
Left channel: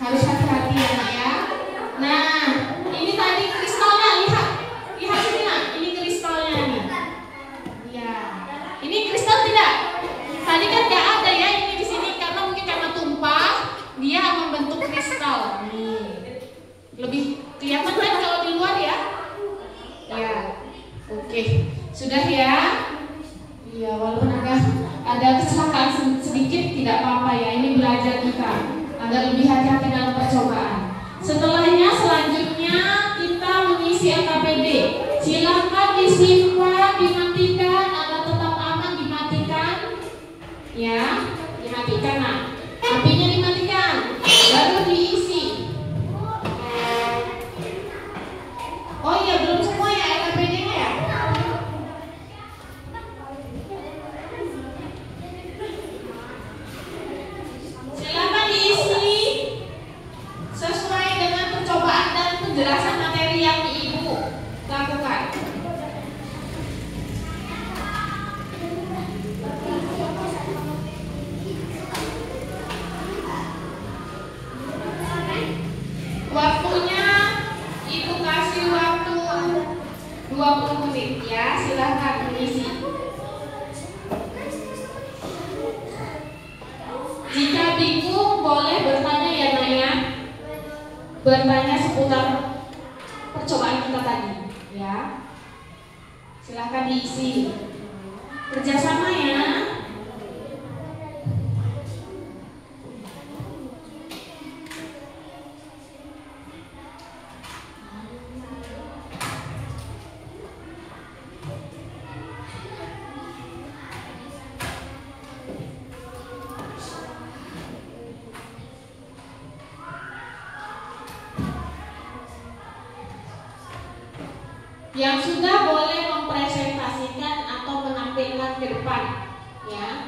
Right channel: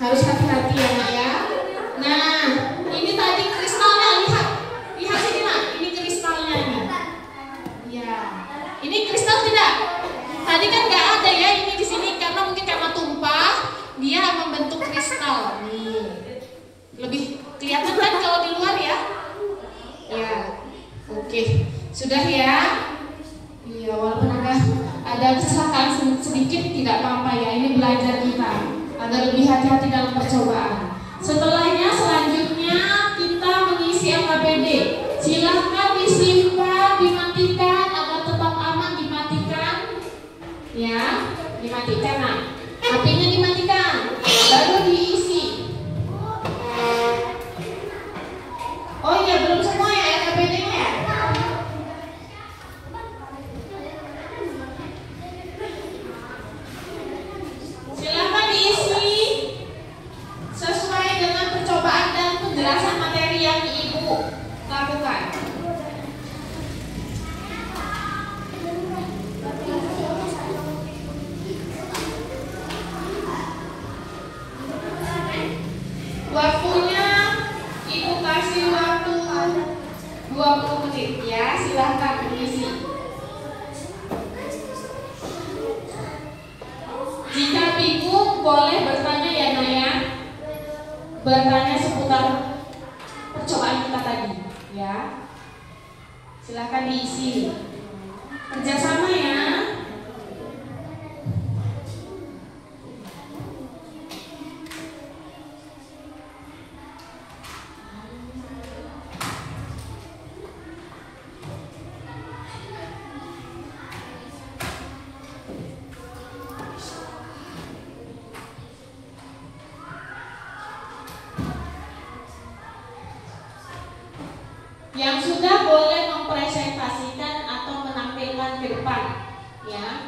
Harus hati-hati ya. Nah, ini tadi kristalnya, lihat sini lah. Ini kristalnya nih. Ya, ini kristal tidak? Tadi kan nggak ada ya ini di sini karena mungkin karena tumpah dia membentuk kristal. Nih, lebih kelihatan kan kalau di luar ya? Ya, oke, sudah ya. Iya, walaupun ada kecelakaan sedikit tidak apa-apa ya. Ini belajar kita agar lebih hati-hati dalam percobaan. Setelahnya selanjutnya kita mengisi LKPD. Silakan disimpan, dimatikan agar tetap aman, dimatikan. Ya, dimatikan. Nah, apinya dimatikan, baru diisi. Oh iya, belum semua ya LKPD-nya ya. Silakan diisi sesuai dengan percobaan dan penjelasan materi yang Ibu lakukan. Waktunya Ibu kasih waktu 20 menit ya, silahkan mengisi. Jika bingung boleh bertanya ya Naya, bertanya seputar percobaan kita tadi ya. Silahkan diisi, kerjasama ya. Yang sudah boleh mempresentasikan atau menampilkan ke depan ya.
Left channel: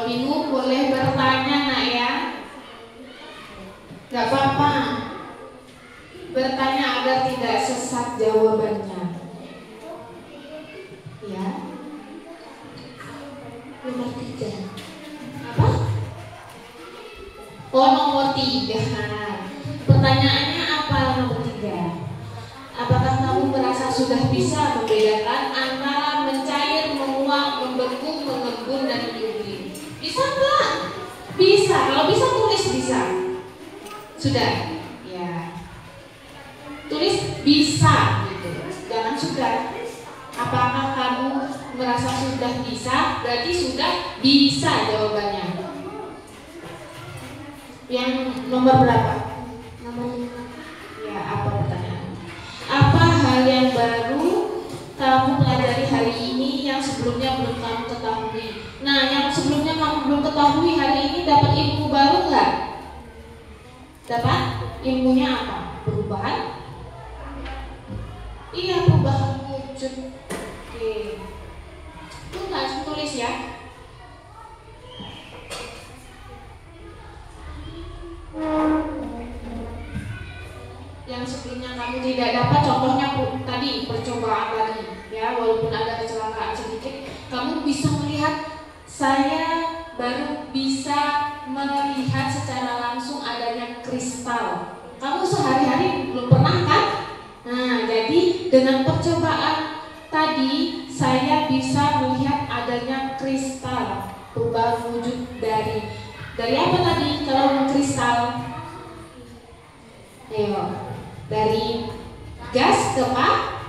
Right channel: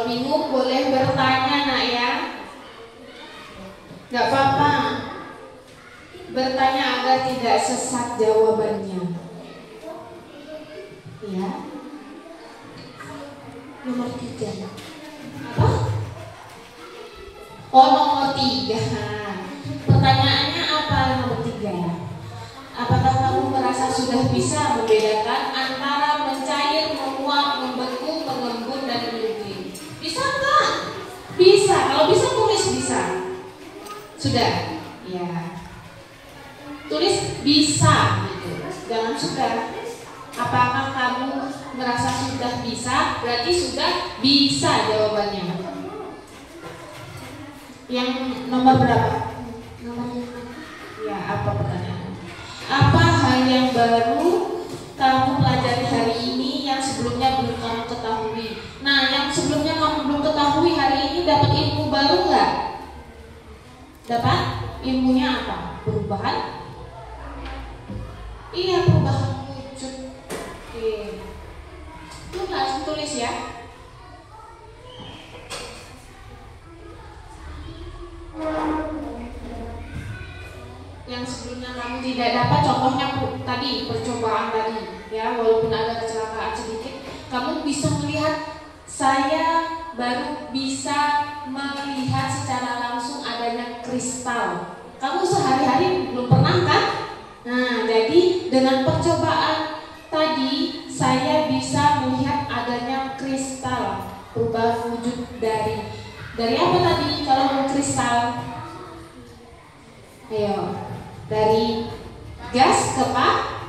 Kalau bingung boleh bertanya nak ya. Gak apa-apa. Bertanya agar tidak sesat jawabannya. Ya. Nomor 3. Apa? Oh, nomor 3. Pertanyaannya apa nomor 3? Apakah kamu merasa sudah bisa membedakan antara mencair, menguap, membeku, mengembun, dan meliukir? Bisa nggak? Bisa. Kalau bisa tulis bisa. Sudah? Ya. Tulis bisa gitu. Jangan sudah. Apakah kamu merasa sudah bisa? Berarti sudah bisa jawabannya. Yang nomor berapa? Nomor 5. Ya, apa pertanyaannya? Apa hal yang baru kamu pelajari hari ini yang sebelumnya belum kamu ketahui? Nah, yang sebelumnya kamu belum ketahui hari ini dapat ilmu baru nggak? Dapat? Ilmunya apa? Perubahan? Iya, perubahan wujud. Oke. Itu nggak tulis ya? Yang sebelumnya kamu tidak dapat, contohnya tadi percobaan tadi ya, walaupun ada kecelakaan sedikit, kamu bisa melihat. Saya baru bisa melihat secara langsung adanya kristal. Kamu sehari-hari belum pernah kan? Nah, jadi dengan percobaan tadi saya bisa melihat adanya kristal, perubahan wujud dari apa tadi kalau kristal? Ayo, dari gas ke padat.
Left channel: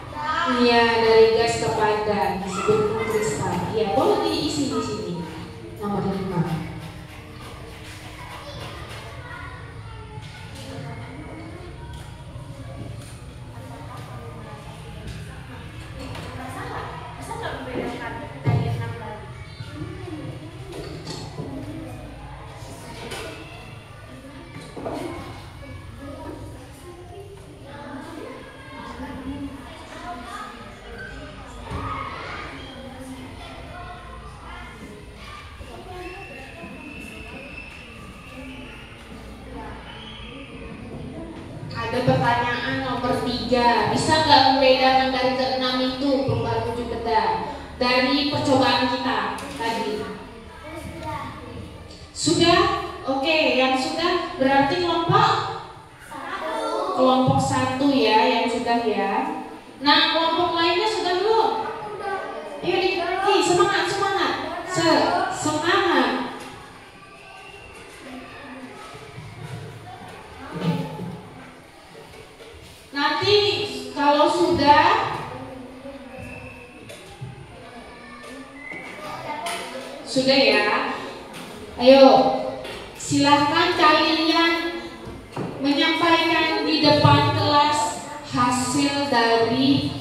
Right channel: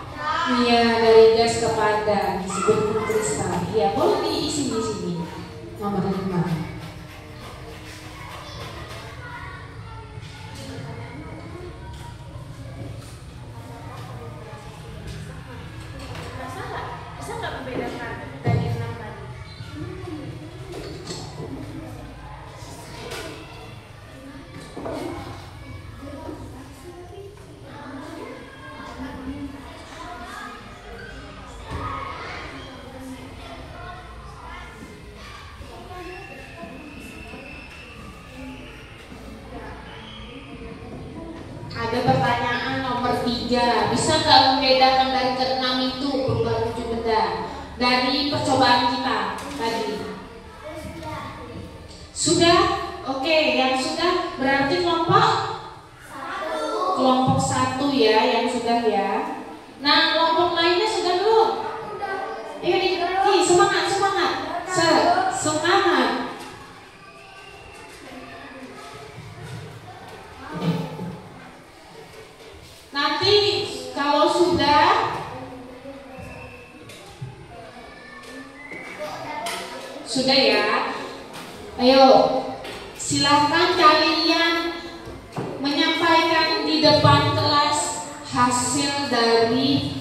Iya, dari gas ke padat disebut kristal. Iya, boleh diisi di sini. Nomor 5. Bisa nggak membedakan dari 6 tadi? Ada pertanyaan nomor 3. Bisa nggak membedakan dari ke-6 itu perubahan wujud benda dari percobaan kita tadi? Sudah? Oke, yang sudah berarti kelompok 1 ya, yang sudah ya. Nah, kelompok lainnya sudah belum? Ayo lagi, semangat. Semangat. Nanti kalau sudah ya, ayo silahkan kalian menyampaikan di depan kelas hasil dari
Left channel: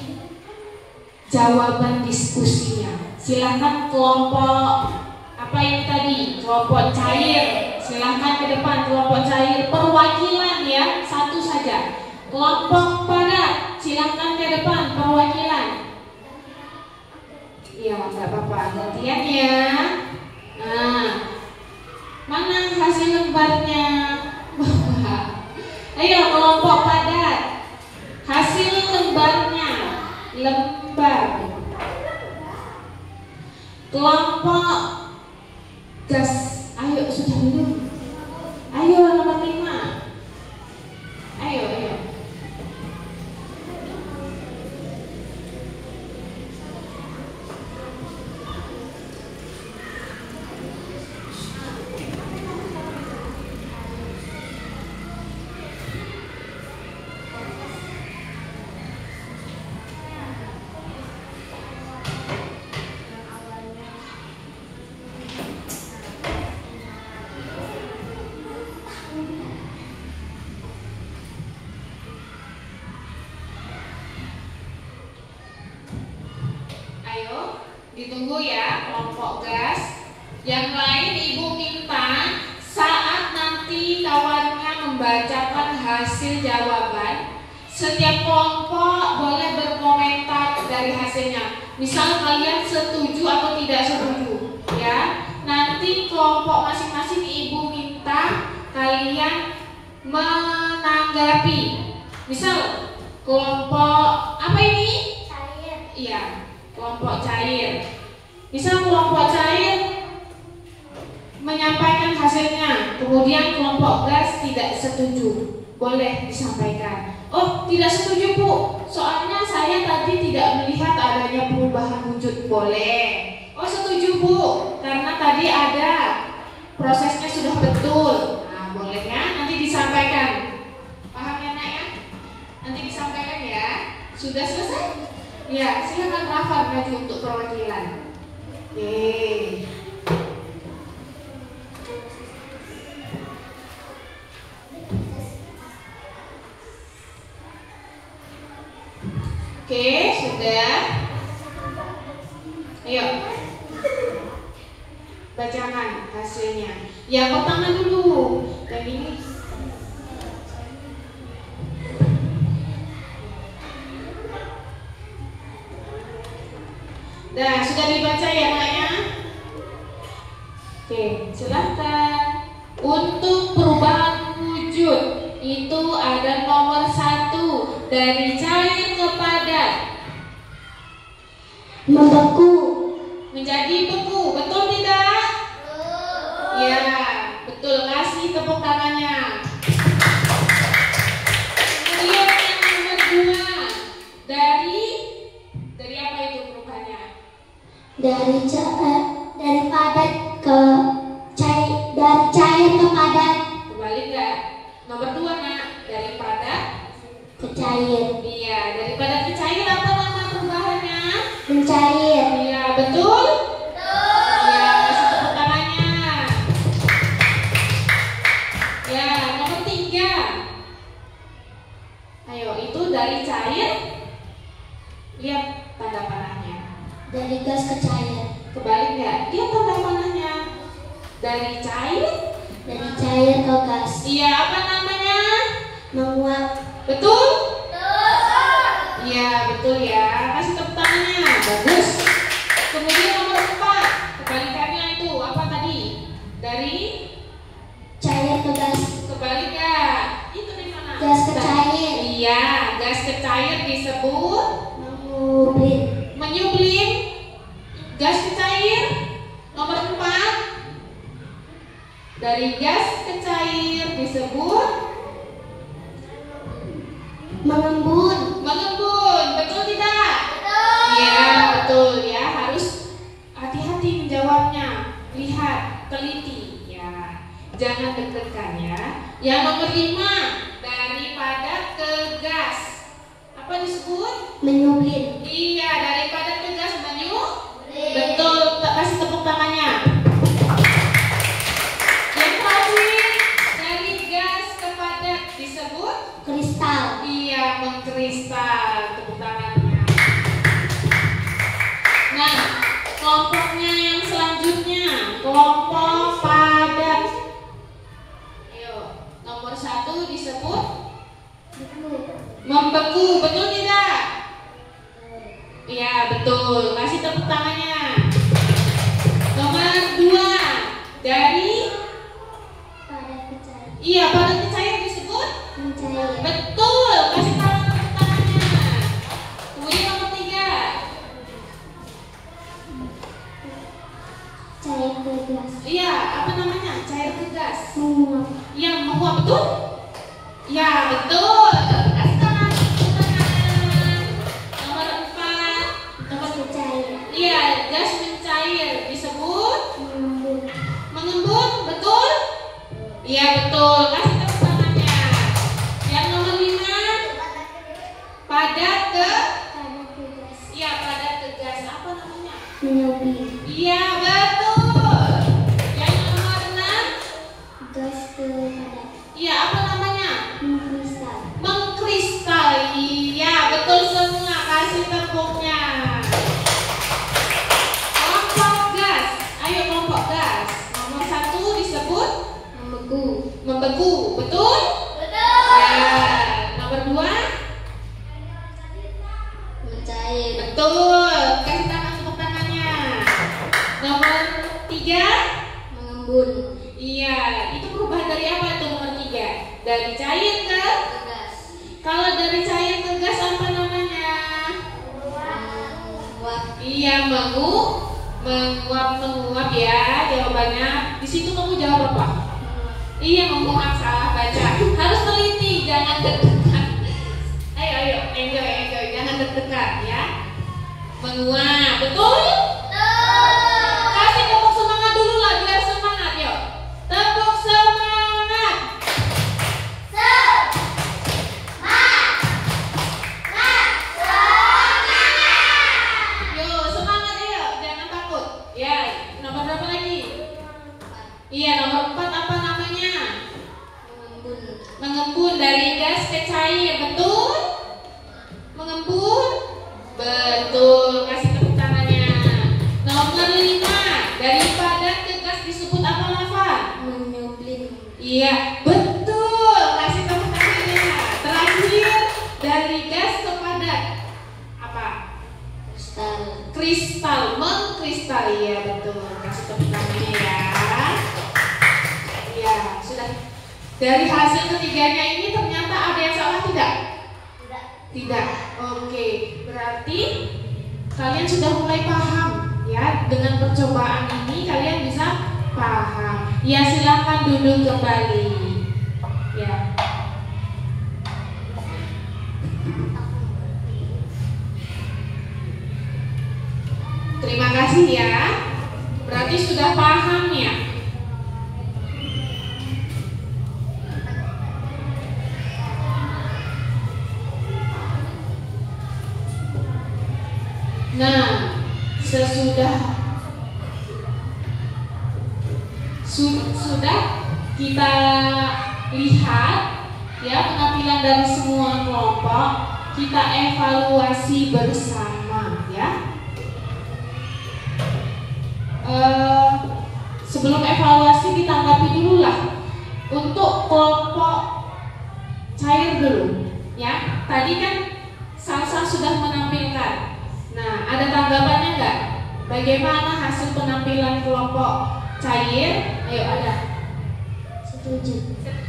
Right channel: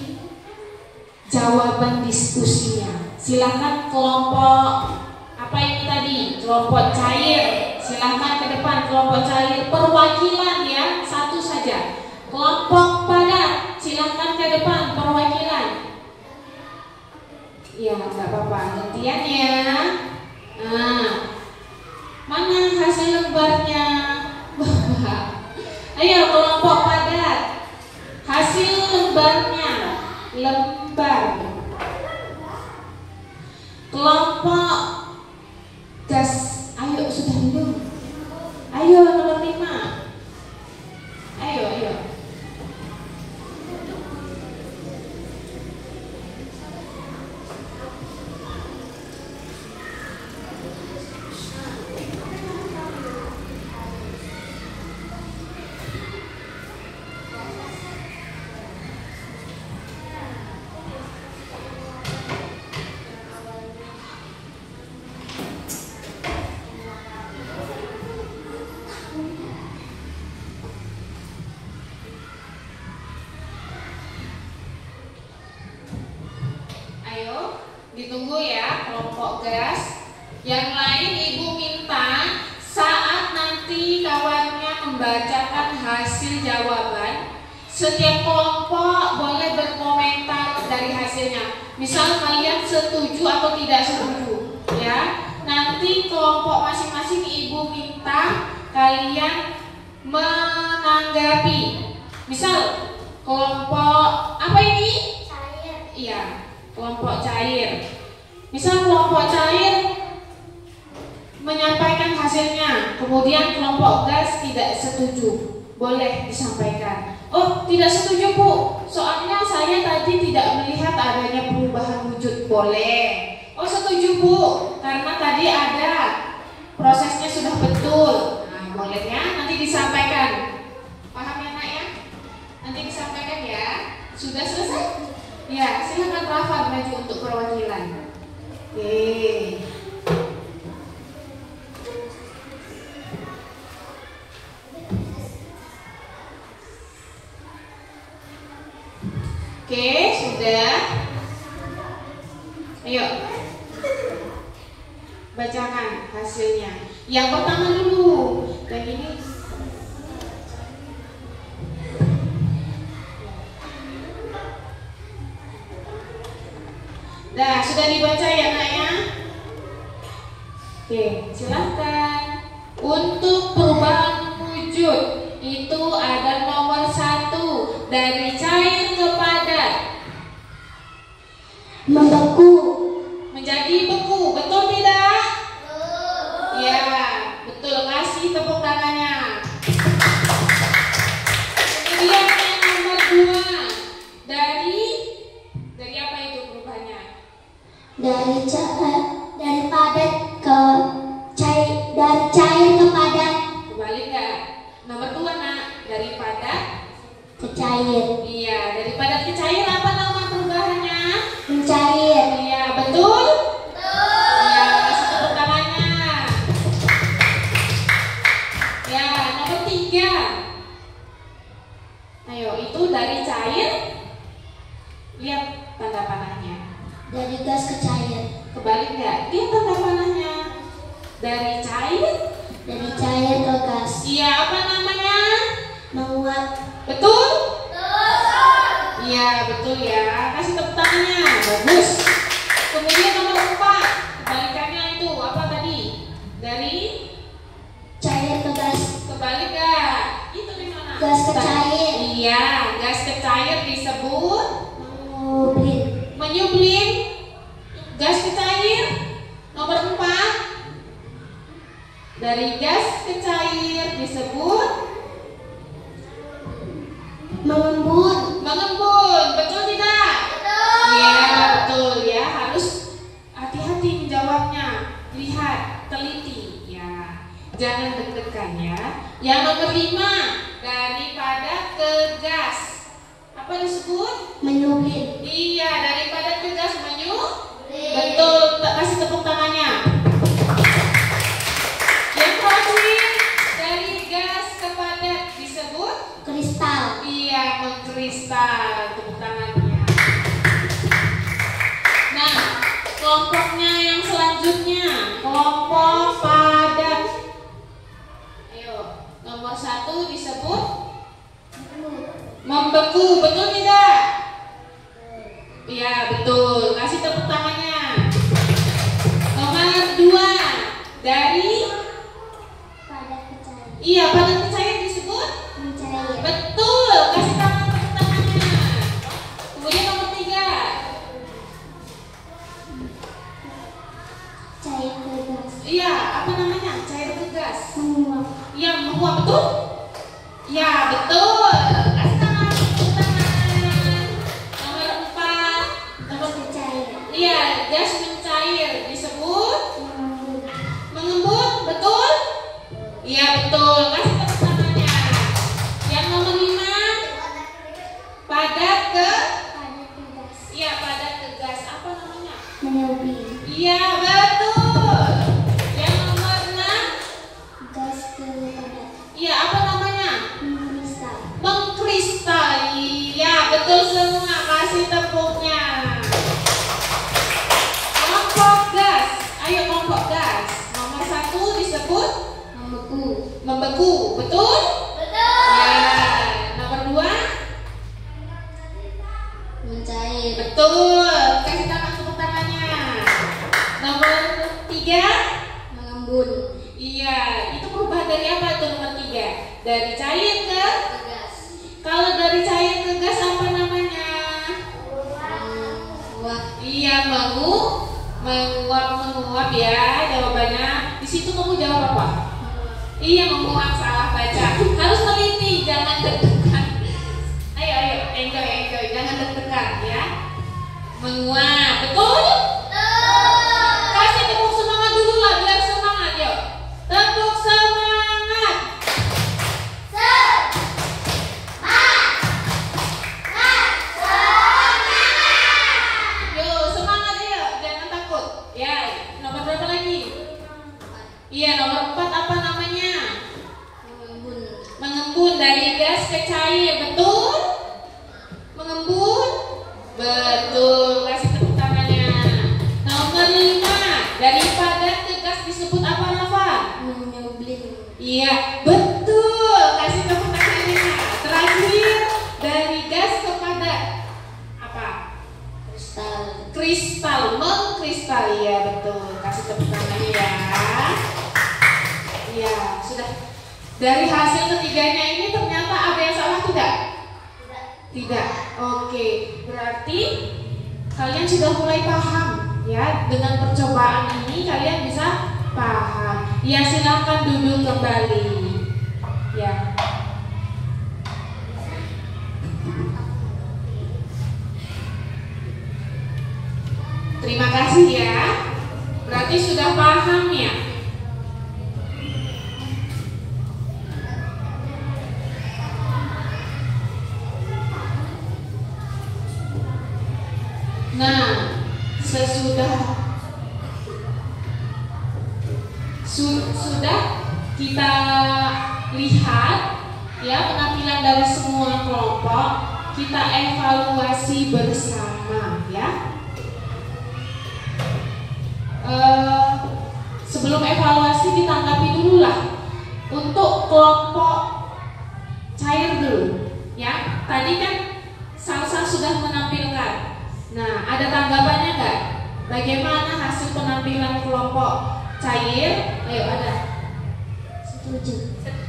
jawaban diskusinya. Silahkan kelompok apa yang tadi, kelompok cair, silahkan ke depan kelompok cair, perwakilan ya, satu saja. Kelompok padat, silahkan ke depan perwakilan. Iya, nggak apa-apa, gantian ya. Nah, mana hasil lembarnya? Ayo kelompok padat, hasil lembarnya, lembar. Kelompok gas, ayo sudah dulu. Ayo nomor 5. Ayo. Ditunggu ya kelompok gas. Yang lain ibu minta saat nanti kawannya membacakan hasil jawaban, setiap kelompok boleh berkomentar dari hasilnya. Misal kalian setuju atau tidak setuju, ya. Nanti nanti kelompok masing-masing ibu minta kalian menanggapi. Misal kelompok apa ini? Cair. Iya, kelompok cair. Misal kelompok cair menyampaikan hasilnya, kemudian kelompok gas tidak setuju, boleh disampaikan. Oh, tidak setuju Bu, soalnya saya tadi tidak melihat adanya perubahan wujud, boleh. Oh, setuju Bu, karena tadi ada prosesnya sudah betul. Nah, boleh ya, nanti disampaikan. Paham ya Nak ya? Nanti disampaikan ya. Sudah selesai? Ya, silakan Rafa maju untuk perwakilan. Oke. Oke, sudah. Ayo. Bacakan hasilnya. Yang pertama dulu. Dan ini Nah, sudah dibaca ya Nak ya? Oke, silahkan. Untuk perubahan wujud itu ada nomor 1, dari cair ke padat. Membeku. Menjadi beku, betul tidak? Ya, betul. Kasih tepuk tangannya. Kemudian yang nomor 2, dari apa itu perubahannya? Dari padat ke cair, dari cair ke padat. Kembali nggak? Nomor 2 Nak, dari padat Ke cair. Iya, dari padat ke cair apa nama perubahannya? Mencair. Iya, betul? Iya, kasih tepuk tangannya. Ya, nomor 3. Ayo, itu dari cair. Lihat tanda panahnya. Dari gas ke cair. Kebalik nggak? Lihat tanda panahnya. Dari cair. Dari cair ke gas. Iya, apa namanya? Menguap. Betul? Iya, betul ya. Kasih tepuk tangannya. Bagus. Kemudian nomor 4. Kebalikannya itu apa tadi? Dari Cair ke gas. kebalik nggak? Itu di mana? Gas ke cair. Iya, gas ke cair disebut Mengubin. menyublim. Gas ke cair. Nomor 4. Dari gas ke cair disebut Mengembun. mengembun. Betul tidak? Iya, betul ya. Harus hati-hati menjawabnya. Lihat, teliti ya. Jangan deg-degan ya. Yang nomor 5, dari padat ke gas. Apa disebut? Menyubin. Iya, dari padat ke gas betul. Kasih tepuk tangannya. Yang terakhir, dari gas ke padat disebut? Kristal. Iya, mengkristal. Tepuk tangannya. Nah, kelompoknya yang selanjutnya, kelompok padat. Ayo, nomor 1 disebut membeku. Betul tidak? Iya, betul. Kasih tepuk tangannya. Nomor 2, dari Padat ke cair. iya, padat ke cair disebut? Mencair. Betul. Kasih tepuk tangannya. Kemudian nomor 3, Cair ke gas. iya, apa namanya? Cair ke gas. Menguap. Yang menguap, betul? Ya, betul. Kasih tangan, tepuk tangan. Nomor 4, Gas ke cair. iya, gas mencair disebut Mengembun. mengembun, betul? Iya, betul. Kasih tepuk tangannya. Yang nomor 5, padat ke Padat ke gas. iya, padat ke gas. Apa namanya? Menyubin. Iya, betul. Yang nomor 6, Gas ke padat. iya, apa namanya? Mengkristal. Mengkristal. Iya, betul semua. Kasih tepuknya. Kelompok gas. Ayo, kelompok gas. Nomor 1 disebut Membeku. membeku, betul? Ya. Nomor 2, Mencair. betul. Kasih tangan, tepuk tangannya. Nomor 3, mengembun, Iya, itu perubahan dari apa itu nomor 3? Dari cair ke? gas, Kalau dari cair ke gas apa namanya? menguap, Iya, menguap ya jawabannya. Di situ kamu jawab apa? Iya, menguap, salah baca. Harus teliti, jangan deg-degan. Ayo, enjoy, jangan deg-degan ya. Menguap, betul? Kasih tepuk semangat dulu lah, biar semangat yuk. Tepuk semangat. Yuk, semangat ayo, jangan takut. Ya, nomor berapa lagi? Iya, nomor 4 apa namanya? mengembun, Mengembun dari gas ke cair, betul? Mengembun? Betul, kasih tepuk tangannya. Nomor 5, dari padat ke gas disebut apa, Rafa? menyublin, Iya, betul, kasih tepuk tangannya. Terakhir, dari gas ke padat apa? Kristal, mengkristal, iya betul, kasih tepuk tangannya ya. Iya, sudah. Dari hasil ketiganya ini ternyata ada yang salah tidak? Tidak. Oke, berarti kalian sudah mulai paham ya. Dengan percobaan ini kalian bisa paham. Ya, silakan duduk kembali. Ya. Terima kasih ya. Berarti sudah paham ya. Nah, sudah kita lihat ya penampilan dari semua kelompok, kita evaluasi bersama ya. Sebelum evaluasi kita tanggapi dulu lah untuk kelompok cair dulu ya. Tadi kan Salsa sudah menampilkan. Nah, ada tanggapannya nggak? Bagaimana hasil penampilan kelompok cair? Ayo, ada.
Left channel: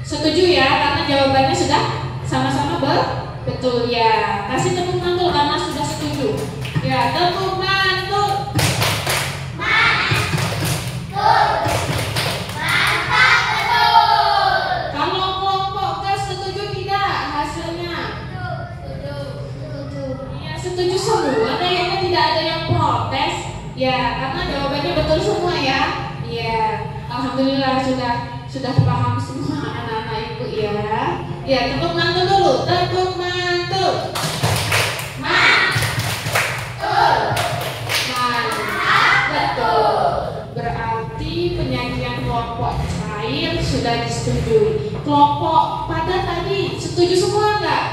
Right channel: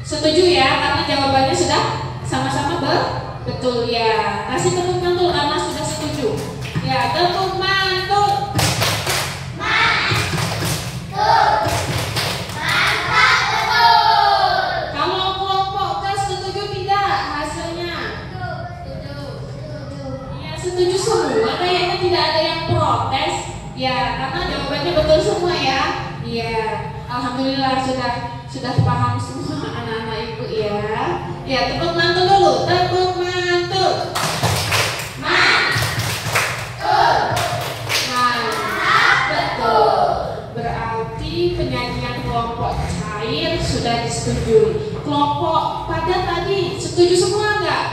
Setuju ya, karena jawabannya sudah sama-sama betul ya. Kasih tepuk mantul karena sudah setuju. Ya, tepuk mantul. Kalau kelompok gas setuju tidak hasilnya? Iya, setuju semua. Kayaknya tidak ada yang protes. Ya, karena jawabannya betul semua ya. Iya, alhamdulillah sudah paham semua anak-anak ibu ya. Ya, tepuk mantul dulu. Tepuk mantul. Betul. Berarti penyajian kelompok cair sudah disetujui. Kelompok padat tadi setuju semua nggak?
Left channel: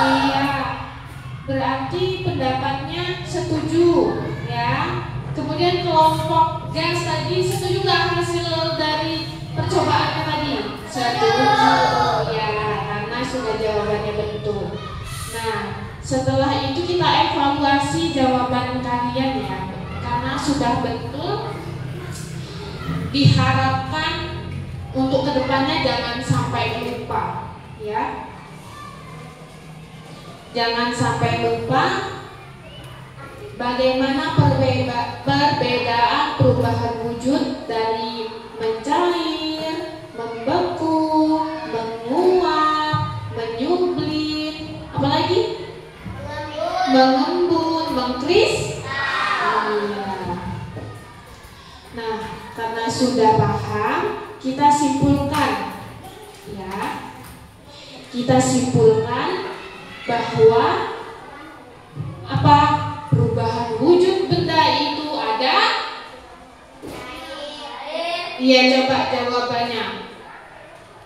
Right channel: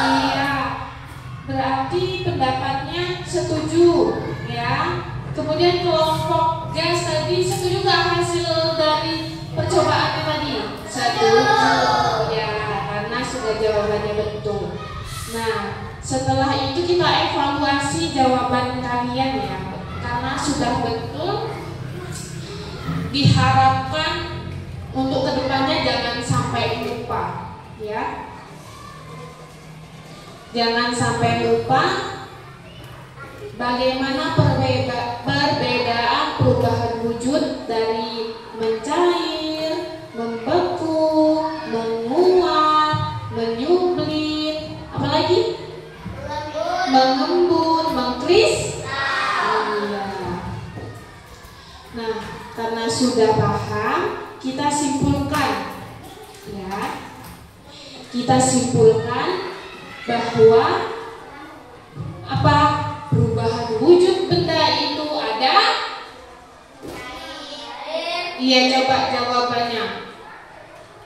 Iya. Berarti pendapatnya setuju ya. Kemudian kelompok gas tadi setuju nggak hasil dari percobaannya tadi? Setuju ya, karena sudah jawabannya betul. Nah, setelah itu kita evaluasi jawaban kalian ya. Karena sudah betul, diharapkan untuk kedepannya jangan sampai lupa ya. Jangan sampai lupa bagaimana perbedaan perubahan wujud dari mencair, membeku, menguap, menyublin, apalagi? Mengembun, mengkris. Nah, karena sudah paham, kita simpulkan ya. Kita simpulkan bahwa apa perubahan wujud benda itu ada? Iya, coba jawabannya.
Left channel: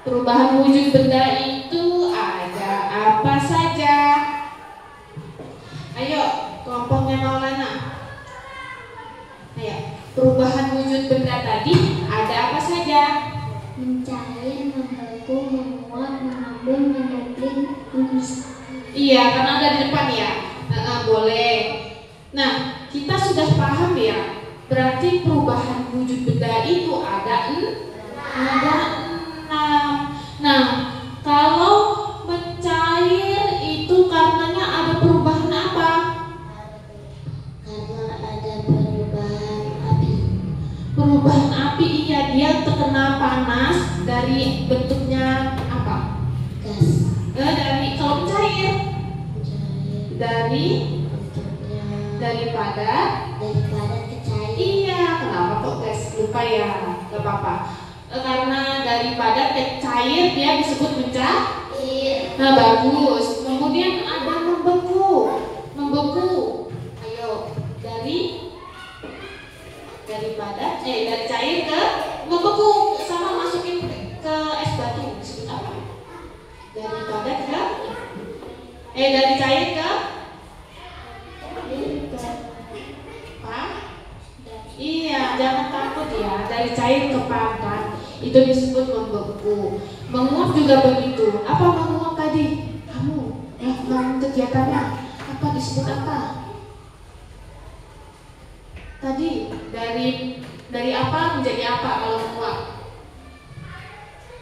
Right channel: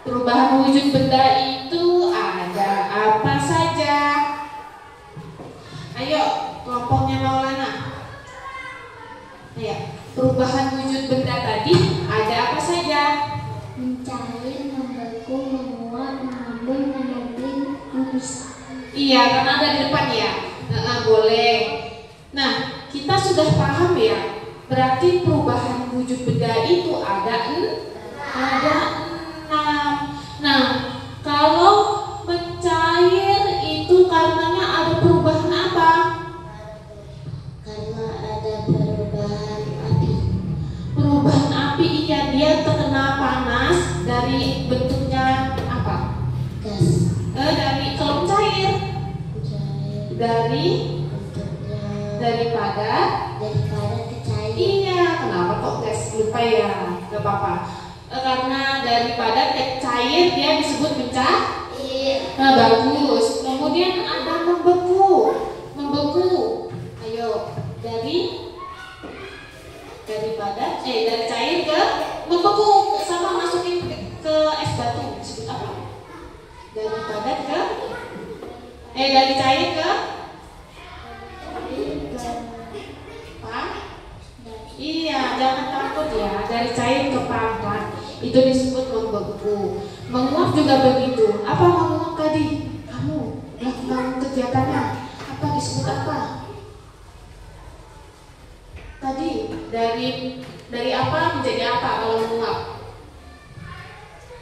Perubahan wujud benda itu ada apa saja? Ayo, kelompoknya Maulana. Ayo, perubahan wujud benda tadi ada apa saja? mencair, membeku, menguap, mengembun, menyublin, memisah. Iya, karena ada di depan ya. Boleh. Nah, kita sudah paham ya Berarti perubahan wujud benda itu ada 6. Nah, kalau mencair itu karenanya ada perubahan apa? Karena ada perubahan api. Perubahan api, iya, dia terkena panas dari bentuknya apa? Gas. Dari kalau cair dari daripada ke cair. iya, kenapa kok gas? Lupa ya, gak apa-apa. Karena daripada ke cair dia disebut mencair. Nah, bagus. Kemudian ada membeku. Ayo, dari cair ke membeku, sama masukin ke es batu disebut apa? Dari cair ke apa? Iya, jangan takut ya. Dari cair ke padat itu disebut membeku. Menguap juga begitu. Apa menguap tadi? Kamu melakukan kegiatannya apa, disebut apa? Tadi dari apa menjadi apa kalau menguap?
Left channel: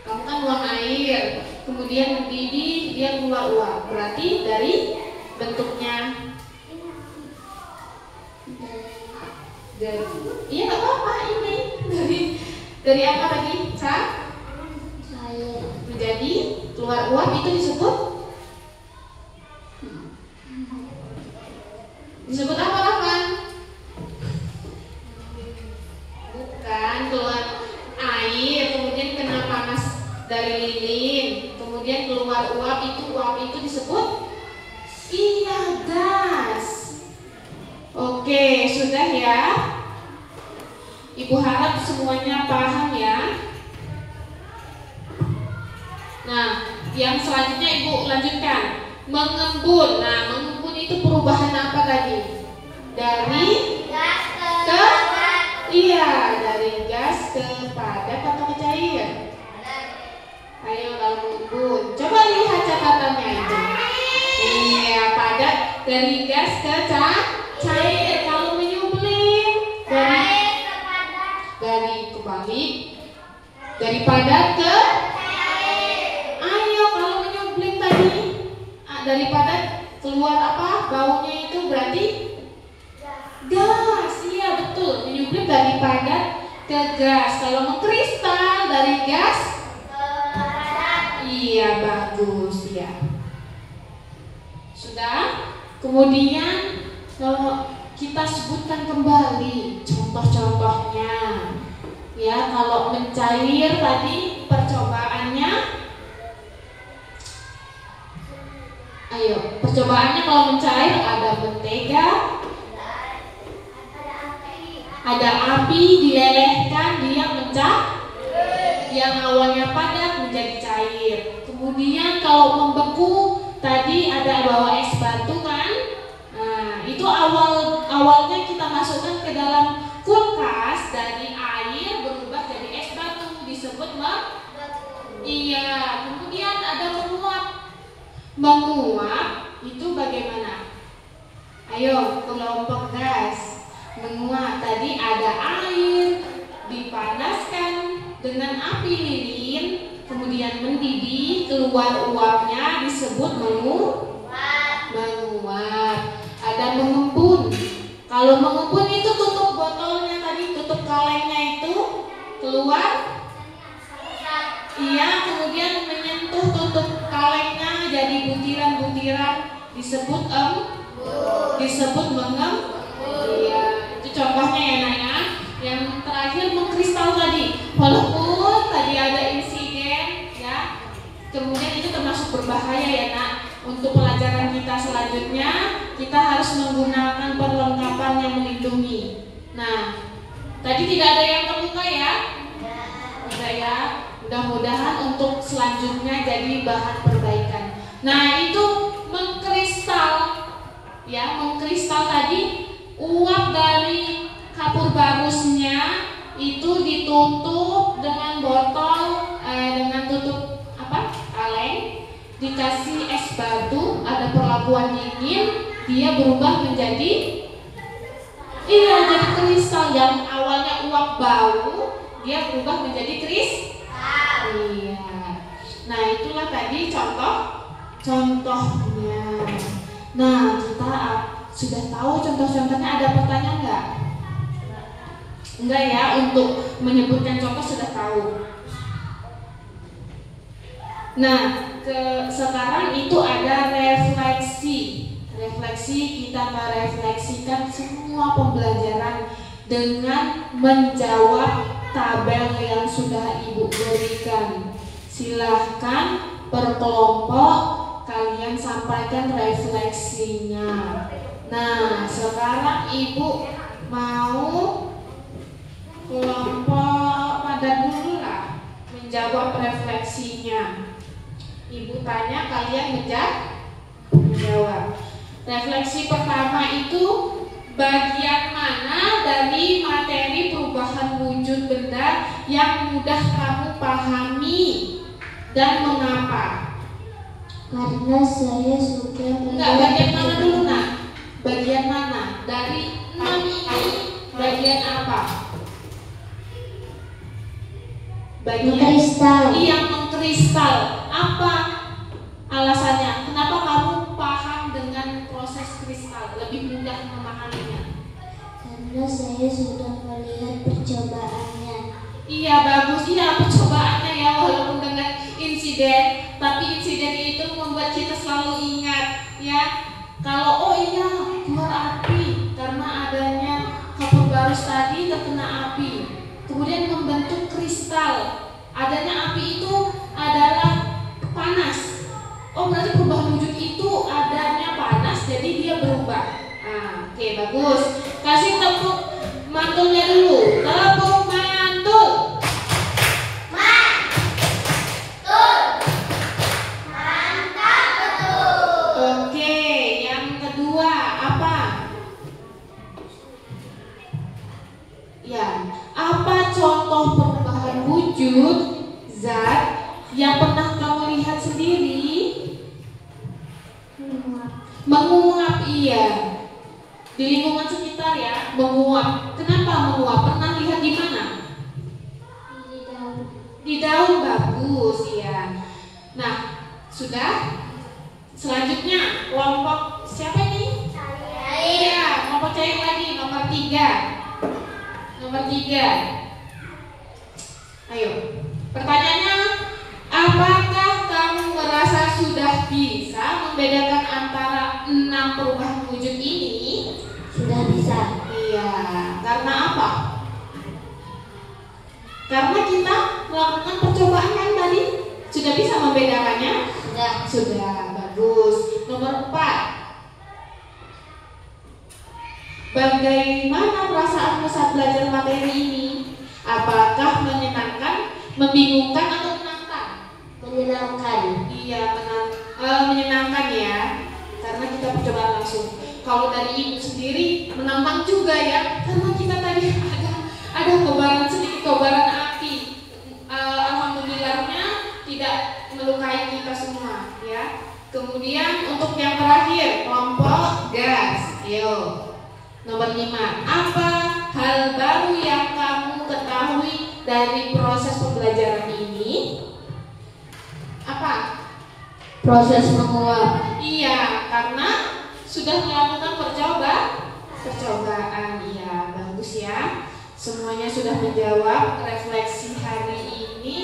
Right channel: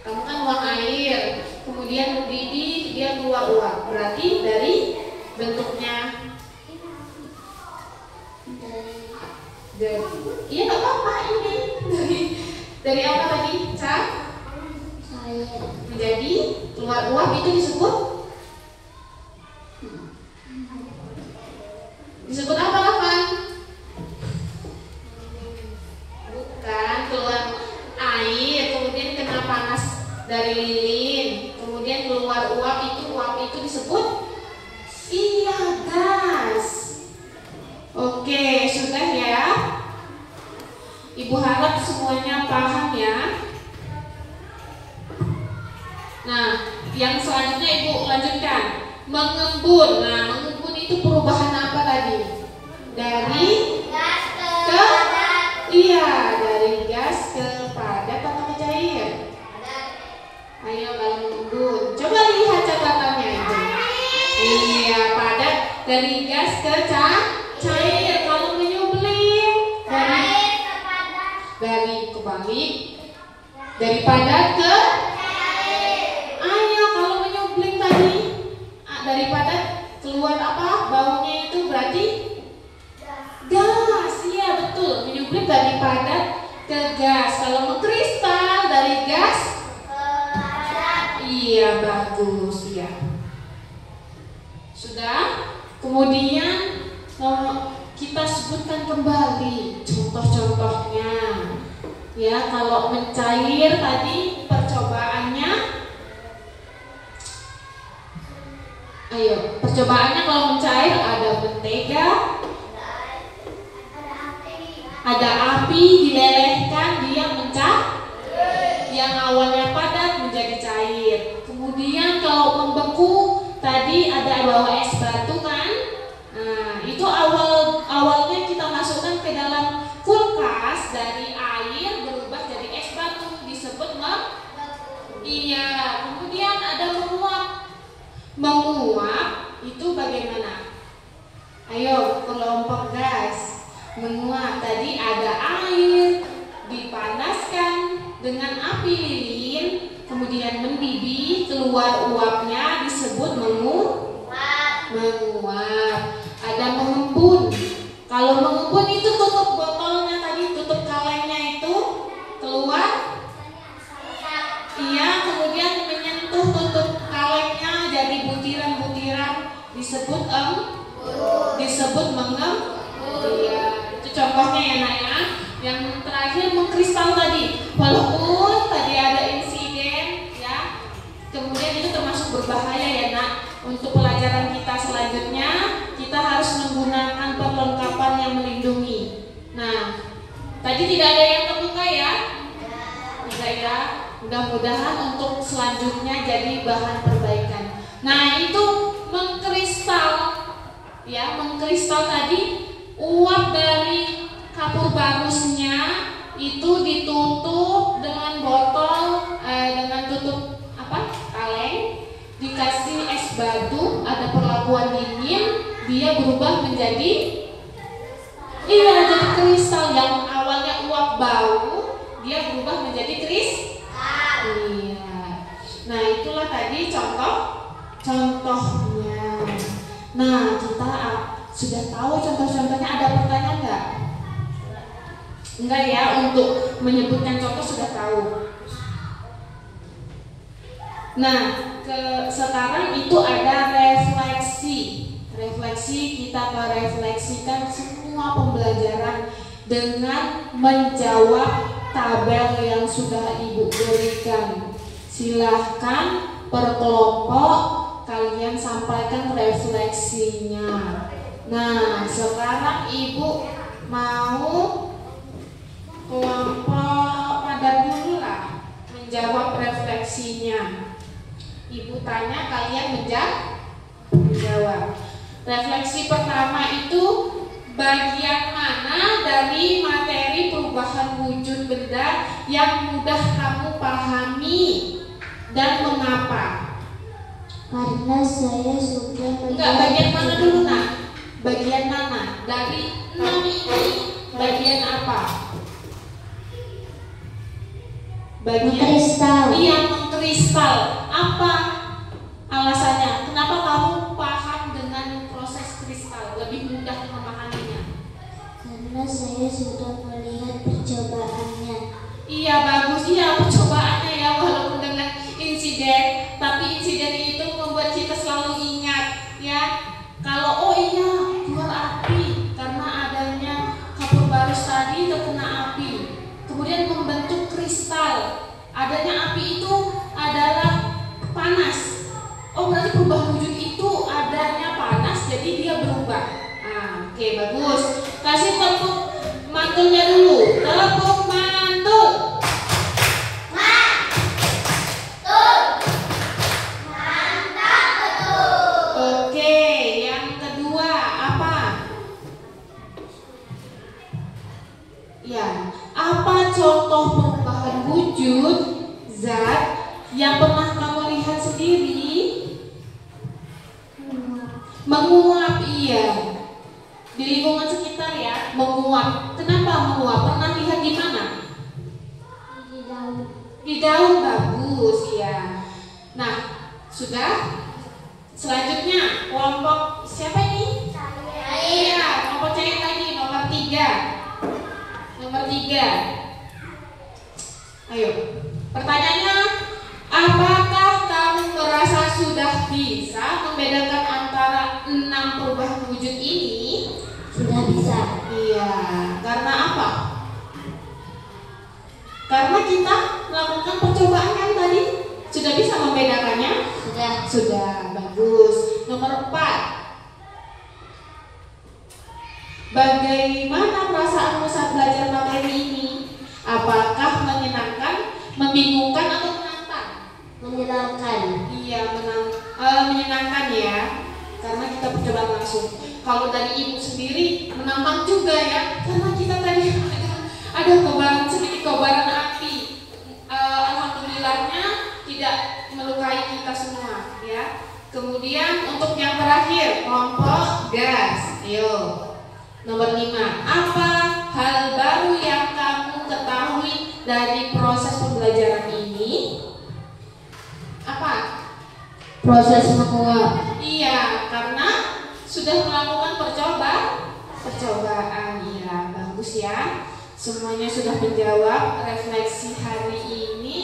Kamu kan uap air, kemudian mendidih, dia keluar uap. Berarti dari bentuknya iya, nggak apa-apa, ini dari apa tadi? Cair. Menjadi keluar uap, itu disebut apa, Kapan? Bukan, keluar air, kemudian kena panas dari lilin, kemudian keluar uap itu disebut iya, gas. Oke, sudah ya. Ibu harap semuanya paham ya. Nah, yang selanjutnya Ibu lanjutkan. Mengembun. Nah, mengembun itu perubahan apa tadi? Dari gas ke iya, dari gas ke padat atau ke cair? Ayo, kalau mengembun, coba lihat catatannya itu. Iya, padat, dari gas ke cair. Kalau menyublim dari kebalik, dari padat ke cair. Ayo, kalau menyublim tadi dari padat keluar apa? Baunya itu berarti gas. Iya, betul. Menyublim dari padat ke gas. Kalau mengkristal dari gas ke padat. Iya, bagus ya. Sudah? Kemudian kita sebutkan kembali contoh-contohnya. Ya, kalau mencair tadi percobaannya. Ayo, percobaannya kalau mencair ada mentega, ada api dilelehkan, dia mencair. Yang awalnya padat menjadi cair. Kemudian kalau membeku tadi ada bawa es batu kan? Nah, itu awalnya kita masukkan ke dalam kulkas, dari air berubah jadi es batu, disebut iya. Kemudian ada menguap itu bagaimana? Ayo, kelompok gas. Menguap tadi ada air dipanaskan dengan api lilin, kemudian mendidih, keluar uapnya disebut menguap. Ada mengembun. Kalau mengembun itu tutup botolnya tadi, tutup kalengnya itu keluar. Iya, kemudian menyentuh tutup kalengnya jadi butiran-butiran, disebut mengembun. Iya, itu contohnya ya, Naya. Yang terakhir mengkristal tadi, walaupun tadi ada insiden ya, kemudian itu termasuk berbahaya ya, Nak. Untuk pelajaran kita selanjutnya, kita harus menggunakan perlengkapan yang melindungi. Nah, tadi tidak ada yang terluka ya? Tidak ya. Mudah-mudahan untuk selanjutnya jadi bahan perbaikan. Nah, itu mengkristal ya, mengkristal tadi uap dari kapur bagusnya itu ditutup dengan botol dengan tutup kaleng, dikasih es batu, ada perlakuan dingin, dia berubah menjadi Iya, jadi kristal. Yang awalnya uap bau, dia berubah menjadi kristal. Iya. Nah, itulah tadi contohnya. Nah, kita sudah tahu contoh-contohnya. Ada pertanyaan nggak? Enggak ya, untuk menyebutkan contoh sudah tahu. Nah, sekarang itu ada refleksi. Refleksi, kita merefleksikan semua pembelajaran dengan menjawab tabel yang sudah Ibu berikan. Silahkan per kelompok kalian sampaikan refleksinya. Nah, sekarang Ibu mau kelompok pada dulu lah menjawab refleksinya. Ibu tanya, kalian menjawab. Refleksi pertama itu bagian mana dari materi perubahan wujud benda yang mudah kamu pahami dan mengapa? Karena saya suka melihat. Enggak, bagian mana dulu nak? Bagian mana? Dari 6 ini bagian apa? Bagian Mengkristal. Iya, mengkristal. Apa alasannya? Kenapa kamu paham dengan proses kristal? Lebih mudah memahaminya? Karena saya sudah melihat percobaannya. Iya, bagus. Iya, percobaannya ya, walaupun dengan insiden, tapi insiden itu membuat kita selalu ingat ya. Kalau oh iya, keluar api karena adanya kapur barus tadi terkena api, kemudian membentuk kristal. Adanya api itu adalah panas. Oh, berarti perubahan wujud itu adanya panas, jadi dia berubah. Nah, oke, bagus. Kasih tepuk mantulnya dulu. Tepuk mantul. Oke, yang kedua apa? Ya, apa contoh perubahan wujud zat yang pernah kamu lihat sendiri? Menguap, iya. Di lingkungan sekitar ya, menguap. Kenapa menguap? Pernah lihat di mana? Di daun, bagus ya. Nah, sudah. Selanjutnya kelompok siapa ini? Iya, kelompok cair lagi, nomor 3. Nomor 3. Ayo. Pertanyaannya, apakah kamu merasa sudah bisa membedakan antara 6 perubahan wujud ini? Sudah bisa. Iya, karena apa? Karena kita melakukan percobaan kan tadi. Sudah bisa membedakannya? Sudah, bagus. Nomor 4. Bagaimana perasaanmu saat belajar materi ini? Apakah menyenangkan, membingungkan atau menantang? Menyenangkan. Iya, menyenangkan ya. Karena kita percobaan langsung. Kalau dari ibu sendiri menantang juga ya, karena kita tadi ada kobaran, sedikit kobaran api. Alhamdulillahnya tidak melukai kita semua ya. Kemudian untuk yang terakhir, kelompok gas. Ayo. Nomor 5. Apa hal baru yang kamu ketahui dari proses pembelajaran ini? Apa? Proses menguap. Iya, karena sudah melakukan percobaan. Iya, bagus ya. Semuanya sudah menjawab. Refleksi hari ini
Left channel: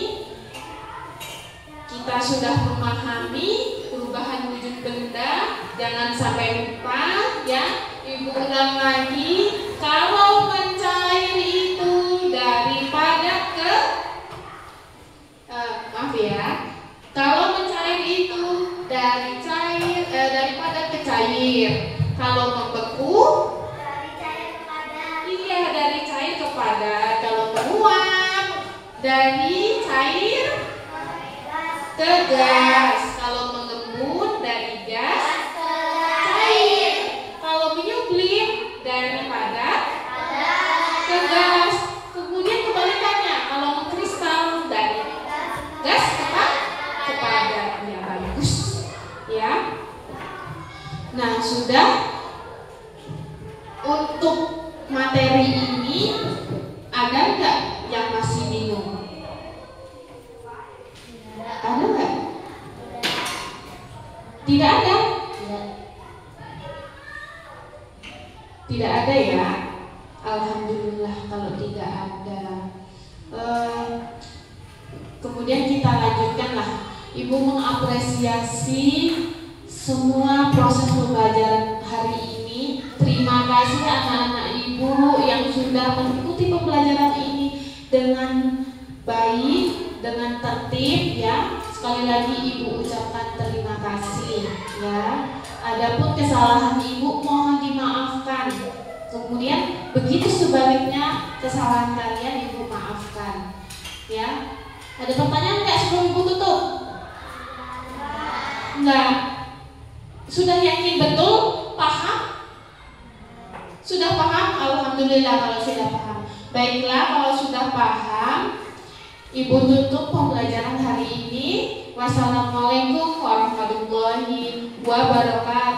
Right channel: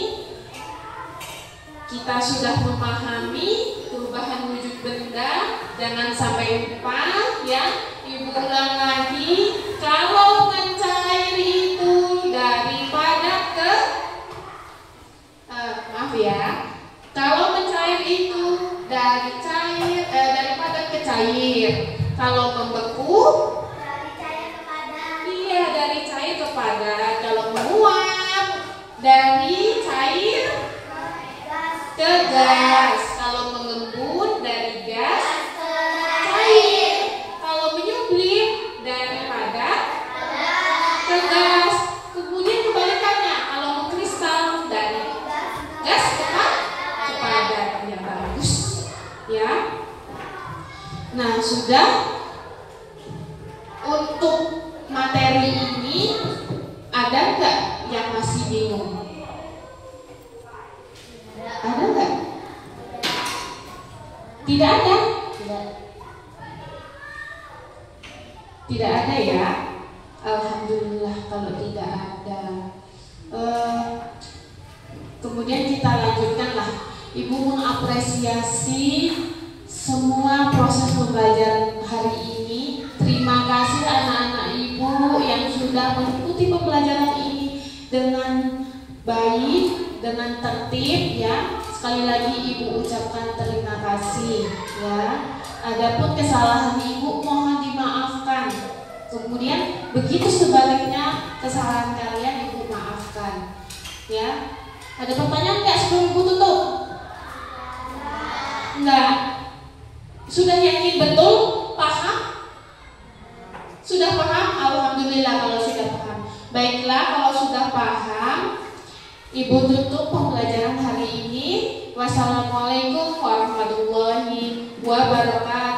kita sudah memahami perubahan wujud benda. Jangan sampai lupa ya. Ibu ulang lagi. Kalau mencair itu dari padat ke maaf ya. Kalau mencair itu dari padat ke cair. Kalau membeku Dari cair ke padat. iya, dari cair ke padat. Kalau menguap dari cair ke gas. Kalau mengembun dari gas ke cair. Kalau menyublim dari padat ke gas. Kemudian kebalikannya, kalau mengkristal dari gas ke padat. Ya, bagus ya. Nah, sudah. Untuk materi materi ini ada nggak yang masih bingung? Ada nggak? Tidak ada? Tidak ada ya? Alhamdulillah kalau tidak ada. Kemudian kita lanjutkanlah. Ibu mengapresiasi semua proses pembelajaran hari ini. Terima kasih anak-anak ibu yang sudah mengikuti pembelajaran ini dengan baik, dengan tertib ya. Sekali lagi ibu ucapkan terima kasih ya. Adapun kesalahan ibu mohon dimaafkan. Kemudian begitu sebaliknya kesalahan kalian ibu maafkan ya. Ada pertanyaan nggak sebelum ibu tutup? Enggak. Sudah nyanyi betul? Paham? Sudah paham? Alhamdulillah kalau sudah paham. Baiklah, kalau sudah paham, ibu tutup pembelajaran hari ini. Wassalamualaikum warahmatullahi wabarakatuh.